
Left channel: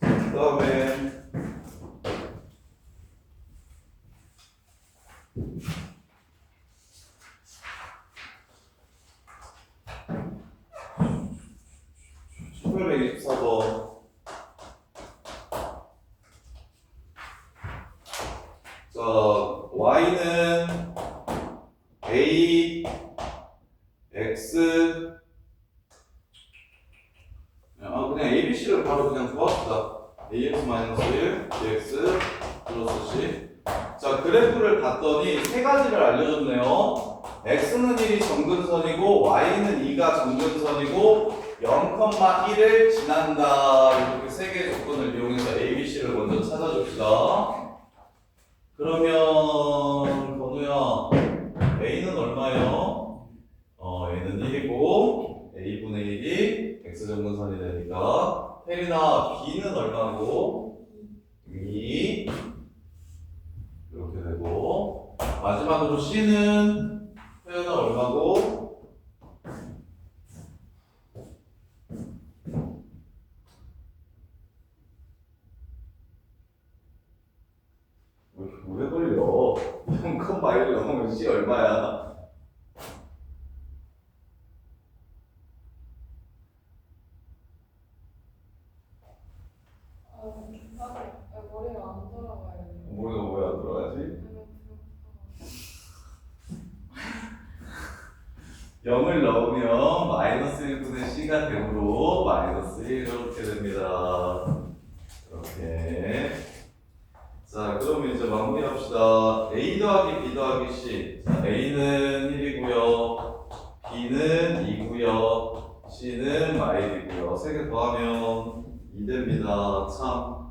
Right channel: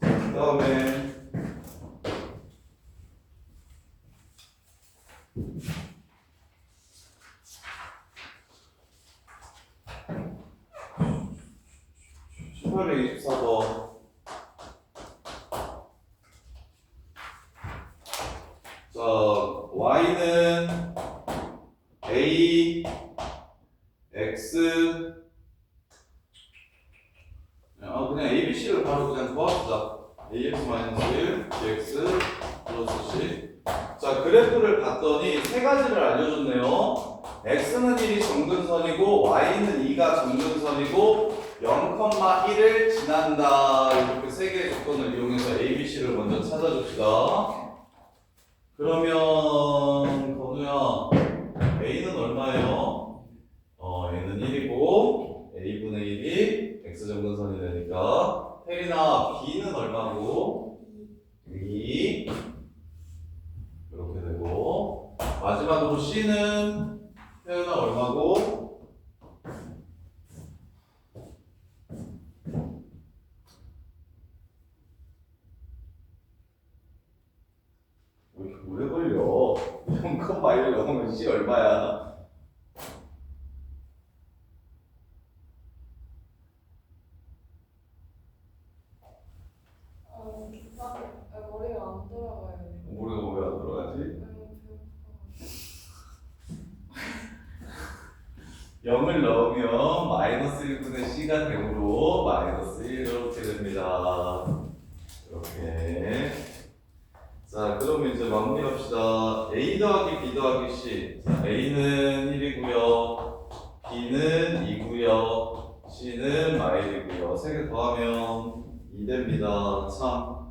그 다음에 (1824번) 자, y는 a, x, 그냥 a, b, c를 바로 그냥 구합시다. ax-1, bx 플러스 c. 자, 그래프를 봤더니 세 가지를 알려줬네요. x는 1이 정근선이고 y는 2가 정근선이고 0,1을 지난다. 이렇게 세 개의 조건을 이용해서 a, b, c를 먼저 찾아줍시다. 그러면 건우야, a는 얼마예요? a는 1이고 a분의 1이 x정근선이 되니까 혜린아, b는 얼마고? 2 이렇게 되고 마지막으로 c는 혜연아 얼마고? 왜 이렇게 오래 걸려? 0,1을 넣으면 c 얼마야? 머리가 안 돌아가요. 머리가 왜 안 들어가지? 0을 넣으면 마이너스 1분의 c가 되므로 마이너스 1 이렇게 됩니다. 이렇게. 자, 그러면 이제 마무리합시다. a 더하기 b 더하기 c. 자, a는 1이고요. b는 2고요. c는 마일이고요. 세 개 더하면 2 됩니다. 참.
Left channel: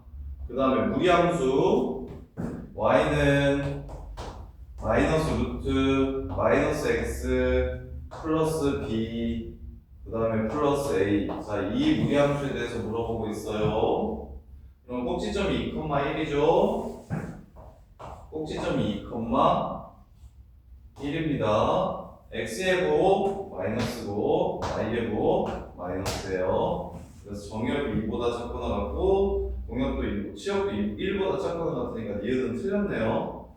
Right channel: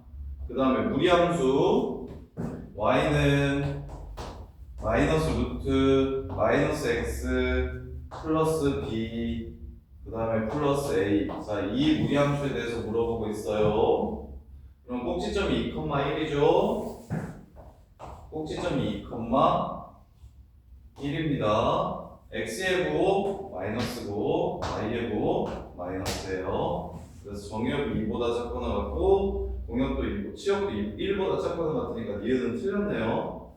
그 다음에 무리함수 y는 마이너스 루트 마이너스 x 플러스 b 그 다음에 플러스 a. 자, 이 무리함수에 대해서 물어보고 있어요. 그럼 꼭지점이 2,1이죠. 꼭지점이 2,1입니다. x의 부 마이너스고 y의 부 마이너스예요. 그래서 정역이 2보다 작거나 같고 공역도 2, 치역도 1보다 작거나 같으니까 니은은 틀렸네요.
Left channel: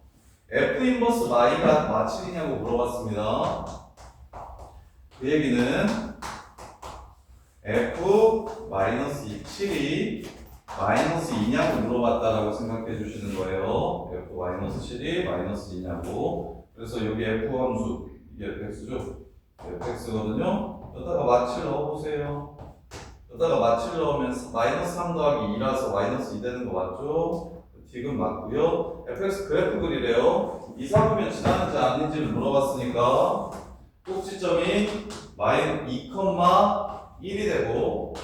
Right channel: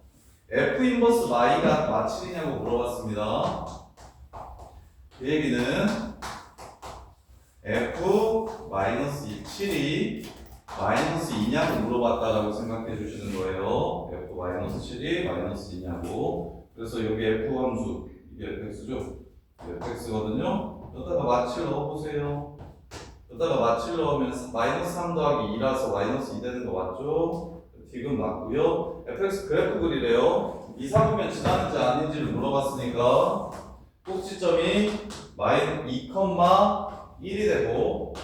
f 인버스 y가 마칠이냐고 물어봤습니다. 그 얘기는 f 마이너스 7이 마이너스 2냐고 물어봤다라고 생각해 주시는 거예요. f 마이너스 7이 마이너스 2냐고. 그래서 여기 f 함수 이게 fx죠. fx거든요. 여기다가 마칠 넣어보세요. 여기다가 마칠 넣으면 마이너스 3 더하기 2라서 마이너스 2 되는 거 맞죠? 디귿 맞고요. fx 그래프 그리래요. 이 삼으면 지나는지 아닌지를 물어봤으니까 꼭지점이 마이너스 2,1이 되고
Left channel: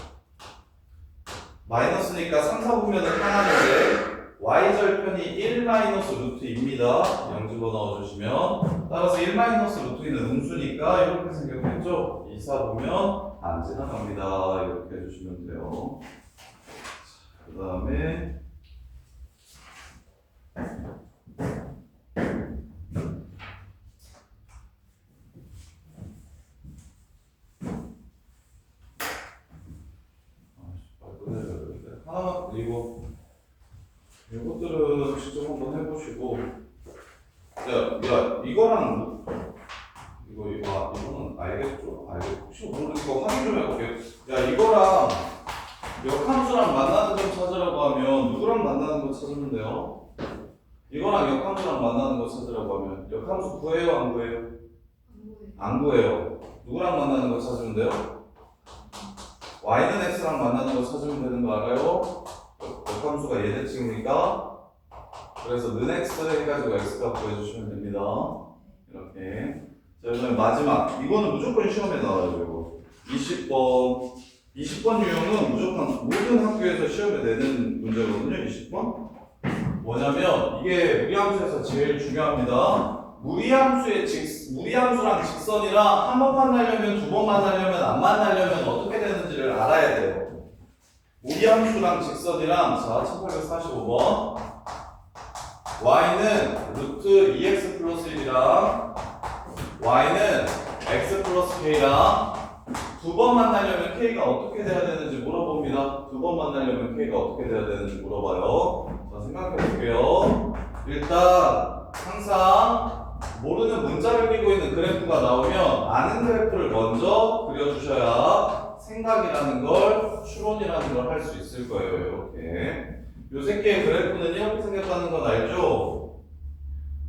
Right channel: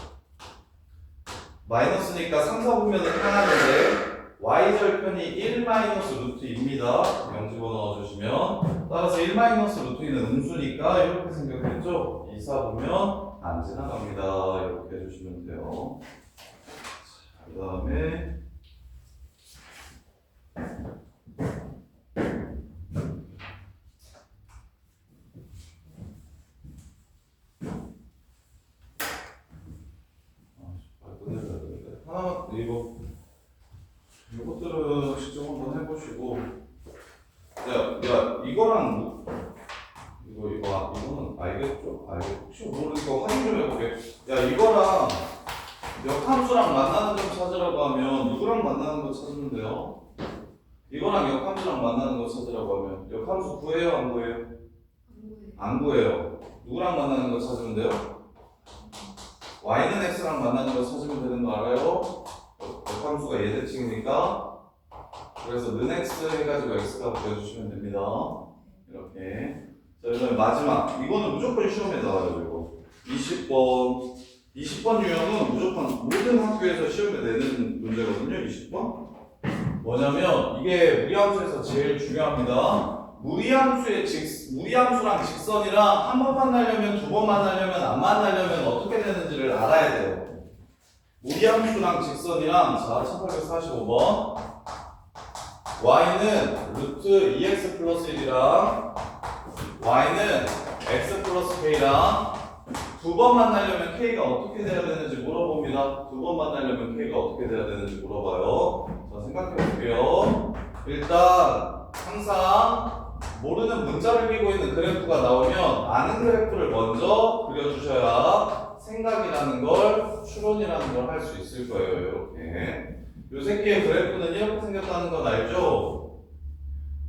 마이너스니까 3, 4분면을 향하는데 y절편이 1 마이너스 루트입니다. 0 집어넣어주시면 따라서 1 마이너스 루트는 음수니까 이렇게 생겼겠죠? 2, 4분면 안 지나갑니다. 이렇게 해주시면 돼요. 그 다음에 하나만 이것들은 직접 한번 해보시고 야 이거랑 이거는 알겠죠? 혹시 모르니까 확인 좀 해볼게요. 야 이거랑 역함수랑 만나는 점 찾으라고 하면 누구랑 만나는 거 찾으면 돼요? 이거랑 역함수랑 만나는 거 찾으라고 하면 역함수 구해요? 안 구해요? 안 구해요. 누구랑 만나는 거 찾으면 돼요? y는 x랑 만나는 거 찾으면 되는 거 알아요? 역함수가 예대칭이니까 그래서 는 x 해가지고 x값 구해주시면 됩니다. 이렇게. 자, 그다음에 마지막 이거는 무조건 시험에 나와요. 이거 20번 유형은 무조건 모든 학교에서 시험에 내는 문제거든요. 20번 뭐냐면 이게 무리함수에서 제일 중요합니다. 무리함수랑 직선이랑 한 번 만나려면 두 번 만나려면 안 만나려면 어떻게 되는지를 알아야 돼요. 무리함수랑 직선이랑 자 1845번 y는 루트 2x 플러스 1이랑 y는 x 플러스 k랑 두 번 만나려면 k가 어떻게 돼야 되는지 물어봅니다. 두 번 만나려면 k가 어떻게 돼야 되는지 물어봐요. 자 생각해 볼게요. 일단 항상 모르는 문자를 끼고 있는 그래프가 나오면 아는 그래프를 먼저 그려주셔야 생각이라는 걸 추론이라는 걸 할 수 있을 거예요. 이렇게 요 새끼의 그래프는 이렇게 생겼다는 건 알죠?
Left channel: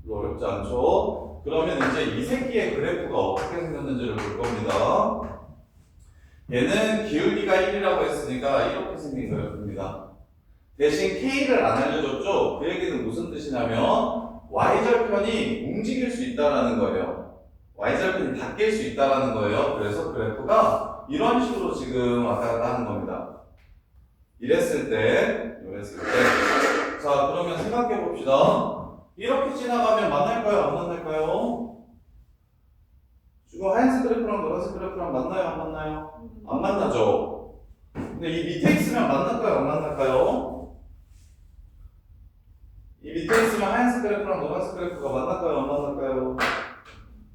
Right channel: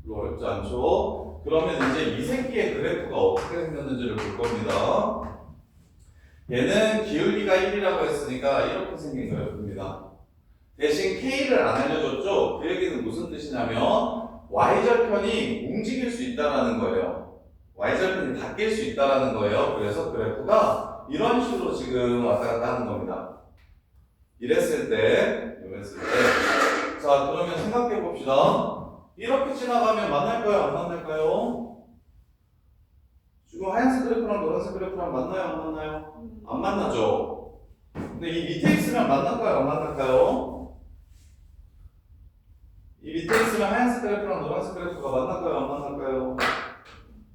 어렵지 않죠? 그러면 이제 이 새끼의 그래프가 어떻게 생겼는지를 볼 겁니다. 얘는 기울기가 1이라고 했으니까 이렇게 생긴 그래프입니다. 대신 K를 안 알려줬죠? 그 얘기는 무슨 뜻이냐면 Y절편이 움직일 수 있다는 거예요. Y절편이 바뀔 수 있다는 거예요. 그래서 그래프가 이런 식으로 지금 왔다 갔다 하는 겁니다. 이랬을 때. 자, 그러면 생각해 봅시다. 이렇게 지나가면 만날까요? 안 만날까요? 지금 하얀색 그래프랑 노란색 그래프랑 만나요? 안 만나요? 안 만나죠? 근데 이 밑에 있으면 만날까요? 안 만날까요? 이 밑에 있으면 하얀색 그래프랑 노란색 그래프가 만날까요? 안 만날까요?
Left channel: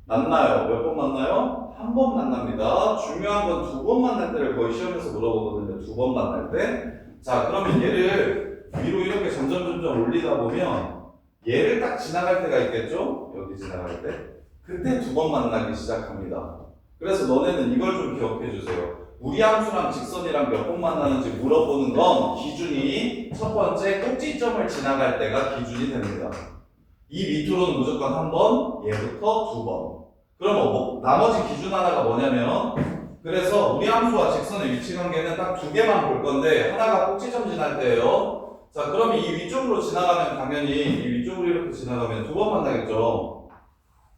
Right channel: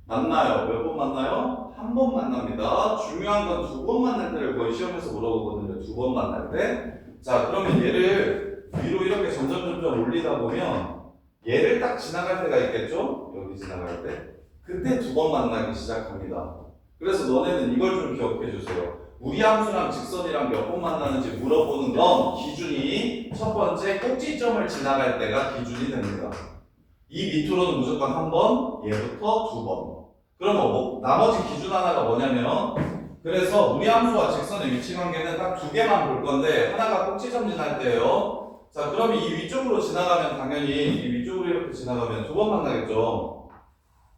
만나요. 몇 번 만나요? 한 번 만납니다. 중요한 건 두 번 만날 때를 거의 시험에서 물어보거든요. 두 번 만날 때. 자, 그러면 얘를 위로 이렇게 점점 올리다 보면 얘를 딱 지나갈 때가 있겠죠? 여기 지나갈 때. 그때 두 번 만나기 시작합니다. 그래서 너네는 이걸 좀 기억해 주세요. 무리함수랑 직선이랑 몇 번 만나는지 물어보는 건 기준이 첫 번째 꼭지점을 지나갈 때가 기준이 됩니다. 이 밑으로는 무조건 한 번, 얘부터 두 번. 그러면 뭐 나머지 기준 하나가 뭐냐면 그래서 무리함수와 직선의 위치 관계는 딱 두 개만 볼 건데 하나가 꼭지점 지날 때예요. 자, 그럼 이 위쪽으로 지나가면 당연히 이 위쪽으로 이렇게 지나가면 두 번 만나겠죠.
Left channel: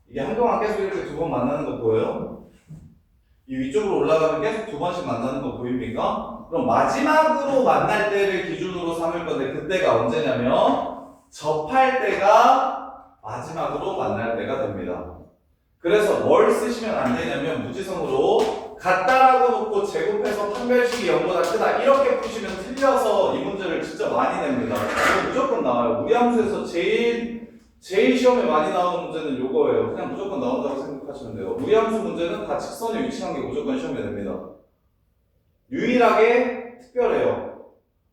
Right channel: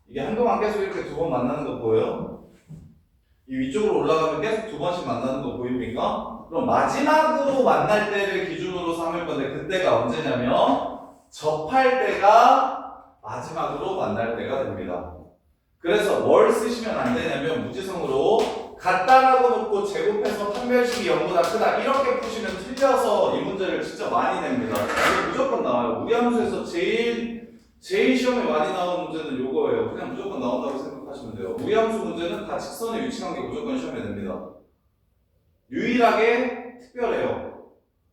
이게 한동안 계속 이렇게 두 번 만나는 거 보여요? 이 위쪽으로 올라가면 계속 두 번씩 만나는 거 보입니까? 그럼 마지막으로 만날 때를 기준으로 삼을 건데 그때가 언제냐면 접할 때가 마지막으로 만날 때가 됩니다. 그래서 뭘 쓰시면 안 되냐면 무지성으로 같다라고 놓고 제곱해서 판별식이 0보다 크다 이렇게 푸시면 틀려서 이 문제를 진짜 많이 냅니다. 이거 무조건 나와요. 무리함수에서 제일 시험에 많이 나오는 문제는 요거예요. 그냥 무조건 나온다고 생각하시면 돼요. 무리함수 문제는 다 직선의 위치 관계 무조건 시험에 냅니다. 유일하게 특별해요.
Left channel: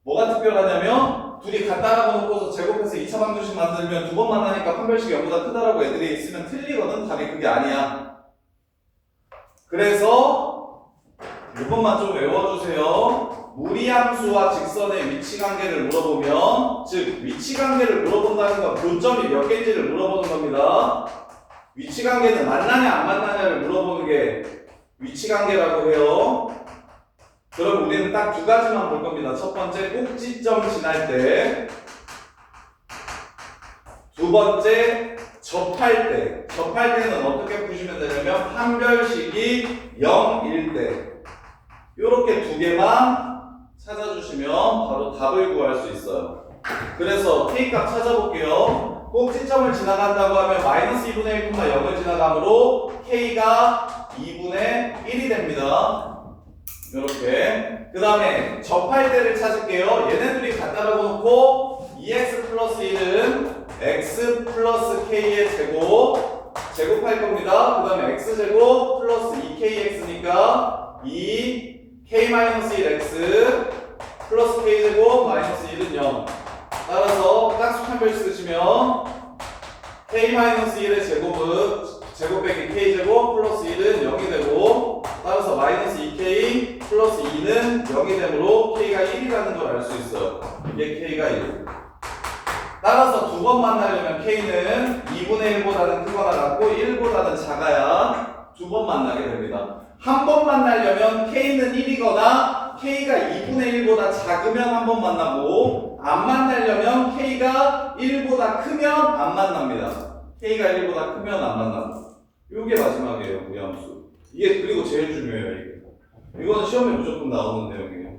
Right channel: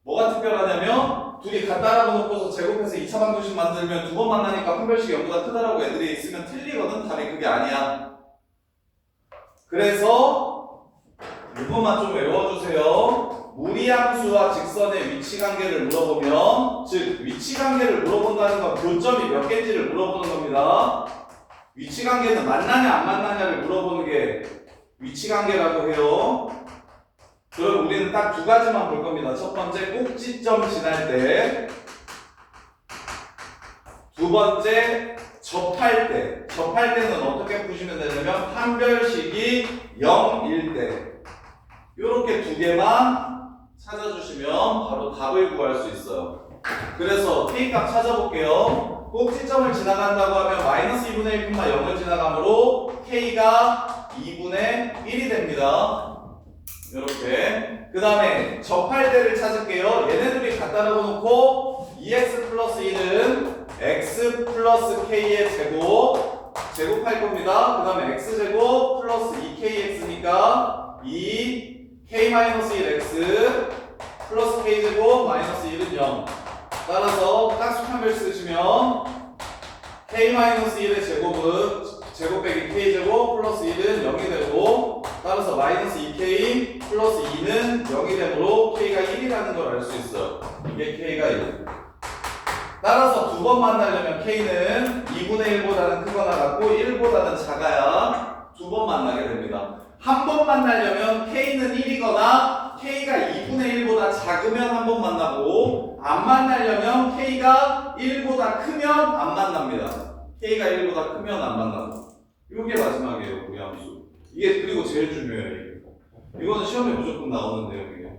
뭐가 특별하냐면 둘이 같다라고 놓고서 제곱해서 2차 방정식 만들면 두 번 만나니까 판별식이 0보다 크다라고 애들이 있으면 틀리거든. 답이 그게 아니야. 그래서 이것만 좀 외워주세요. 무리함수와 직선의 위치 관계를 물어보면 즉 위치 관계를 물어본다는 건 교점이 몇 개인지를 물어보는 겁니다. 위치 관계는 만나냐 안 만나냐를 물어보는 게 위치 관계라고 해요. 그럼 우리는 딱 두 가지만 볼 겁니다. 첫 번째 꼭지점 지날 때, 두 번째 접할 때. 접할 때는 어떻게 푸시면 되냐면 판별식이 0일 때 이렇게 두 개만 찾아주시면 바로 답을 구할 수 있어요. 그래서 K값 찾아볼게요. 꼭지점을 지나간다고 하면 마이너스 2분의 1, 0을 지나가므로 K가 2분의 1이 됩니다. 이렇게. 그 다음에 접할 때를 찾을게요. 얘네들이 같다라고 놓고 2x 플러스 1은 x 플러스 k의 제곱할 겁니다. 그 다음에 x제곱 플러스 2kx니까 2k-1x 플러스 k제곱 마이너스 1은 0. 따라서 짝수 판별식 쓰시면 k-1의 제곱 빼기 k제곱 플러스 1은 0이 되고 따라서 마이너스 2k 플러스 2는 0이 되므로 k가 1이라는 걸 알 수 있어요. 이게 k가 1. 따라서 두 번 만나려면 k는 2분의 1보다는 크거나 같고 1보다는 작아야 두 번 만나게 됩니다. 한 번 만나려면 k는 1이거나 k가 2분의 1보다 작으면 한 번 만나고 안 만나려면 k가 1보다 크면 안 만납니다. k가 1보다 크면 안 만납니다. 이게 마지막이에요. 무리함수. 이게 그리고 제일 중요해요. 이거는 시험에 무조건 나오는 내용이에요.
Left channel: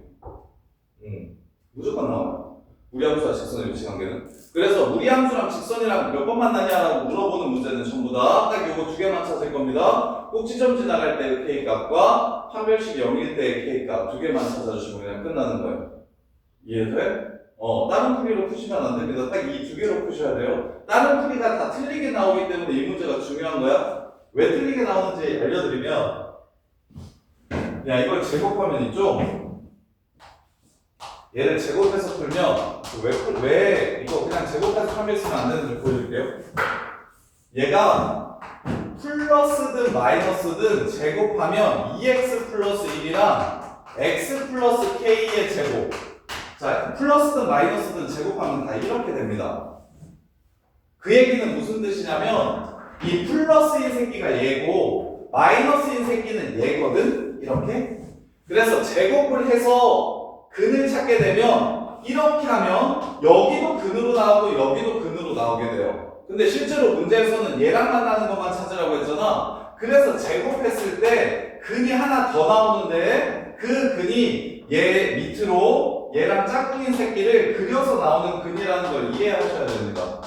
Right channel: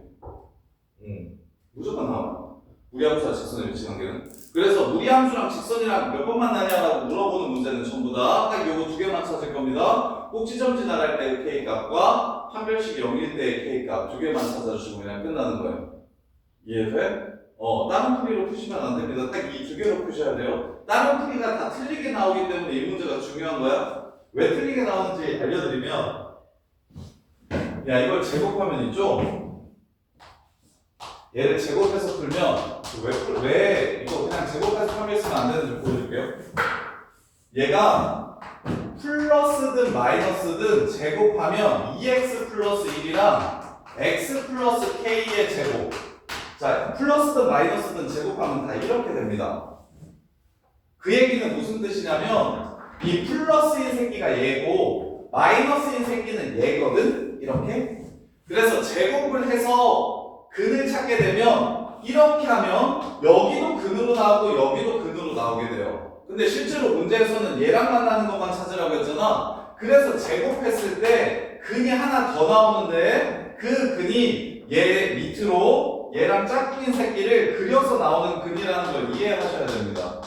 무조건 나와요. 무리함수와 직선의 위치 관계는. 그래서 무리함수랑 직선이랑 몇 번 만나냐라고 물어보는 문제는 전부 다 딱 요거 두 개만 찾을 겁니다. 꼭 지점 지나갈 때의 K값과 판별식 0일 때의 K값 두 개만 찾아주시면 그냥 끝나는 거예요. 이해돼? 다른 풀이로 푸시면 안 됩니다. 딱 이 두 개로 푸셔야 돼요. 다른 풀이가 다 틀리게 나오기 때문에 이 문제가 중요한 거야. 왜 틀리게 나오는지 알려드리면, 야, 이걸 제곱하면 있죠? 얘를 제곱해서 풀면, 왜 이거 그냥 제곱해서 판별쓰면 안 되는지 보여줄게요. 얘가 플러스든 마이너스든 제곱하면 2x 플러스 1이랑 x 플러스 k의 제곱. 자, 플러스든 마이너스든 제곱하면 다 이렇게 됩니다. 그 얘기는 무슨 뜻이냐면 이 플러스인 새끼가 얘고 마이너스인 새끼는 얘거든? 이렇게. 그래서 제곱을 해서 근을 찾게 되면 이렇게 하면 여기도 근으로 나오고 여기도 근으로 나오게 돼요. 근데 실제로 문제에서는 얘랑 만나는 것만 찾으라고 했잖아. 그래서 제곱했을 때 근이 하나 더 나오는데 그 근이 얘 밑으로 얘랑 짝꿍인 새끼를 그려서 나오는 근이라는 걸 이해하셔야 됩니다.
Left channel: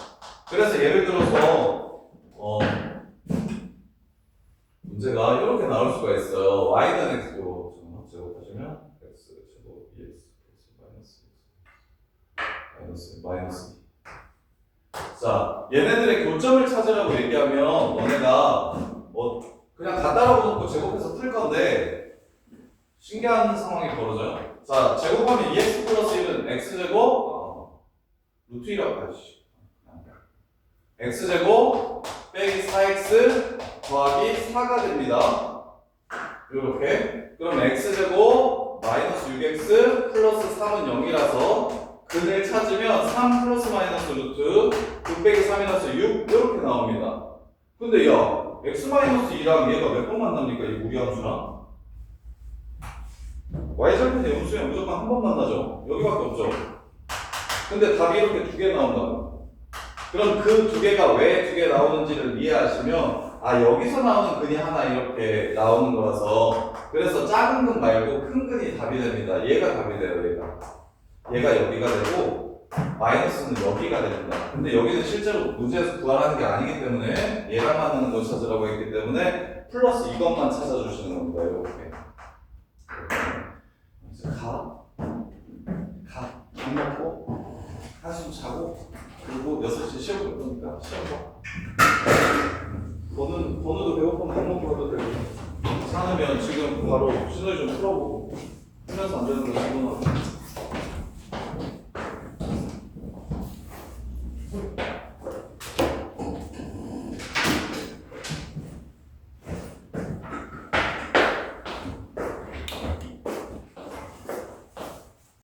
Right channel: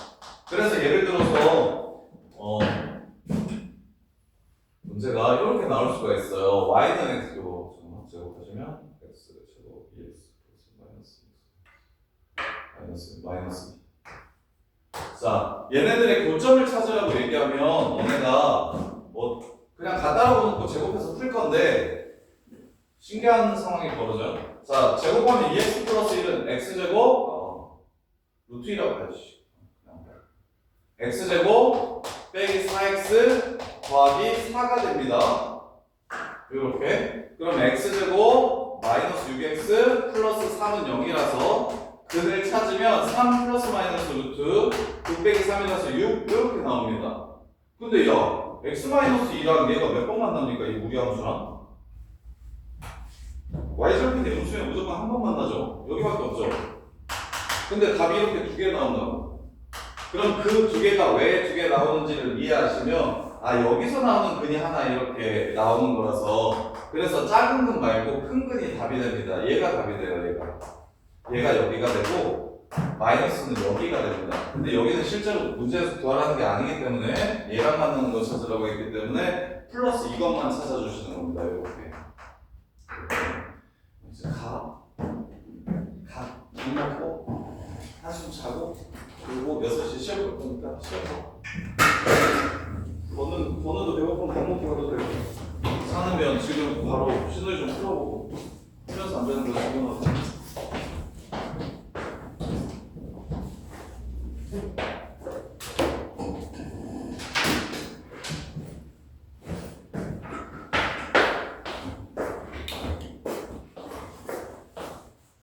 그래서 예를 들어서 문제가 이렇게 나올 수가 있어요. y는 x로 제곱하시면 x 제곱 2x 마이너스 자, 얘네들의 교점을 찾으라고 얘기하면 너네가 그냥 다 따라오놓고 제곱해서 풀 건데 신기한 상황이 벌어져요. 자, 제곱하면 2x 플러스 1은 x제곱 루트 1이라고 해주시. x제곱 빼기 4x 더하기 4가 됩니다. 이렇게. 그럼 x제곱 마이너스 6x 플러스 3은 0이라서 근을 찾으면 3 플러스 마이너스 루트 6 빼기 3이라서 6 이렇게 나옵니다. 근데 야, x 마이너스 2랑 얘가 몇 번 만납니까? 이 무리함수랑? y절편 영수에 무조건 한 번 만나죠. 여기밖에 없죠. 근데 답이 이렇게 두 개 나온다고. 그럼 그 두 개가 왜 두 개 나오는지를 이해하시면 여기서 나오는 근이 하나 이렇게 나오는 거라서 그래서 작은 근 말고 큰 근이 답이 됩니다. 얘가 답이 돼요. 얘가 여기가 되고 마이너스는 여기가 됩니다. 근데 여기는 실제로 문제에서 구하라는 게 아니기 때문에 얘랑 맞는 걸 찾으라고 했기 때문에 플러스 이것만 찾아주시는 겁니다. 이렇게 밥 먹고 한숨 자고 그리고 6시 시험 볼 거니까 시험 봐. 번호도 배고프면 밥 먹고 해도 되고 괜찮으면 지금 바로 시너지 좀 풀어보고 풀면서 안 되는 거 집어넣어.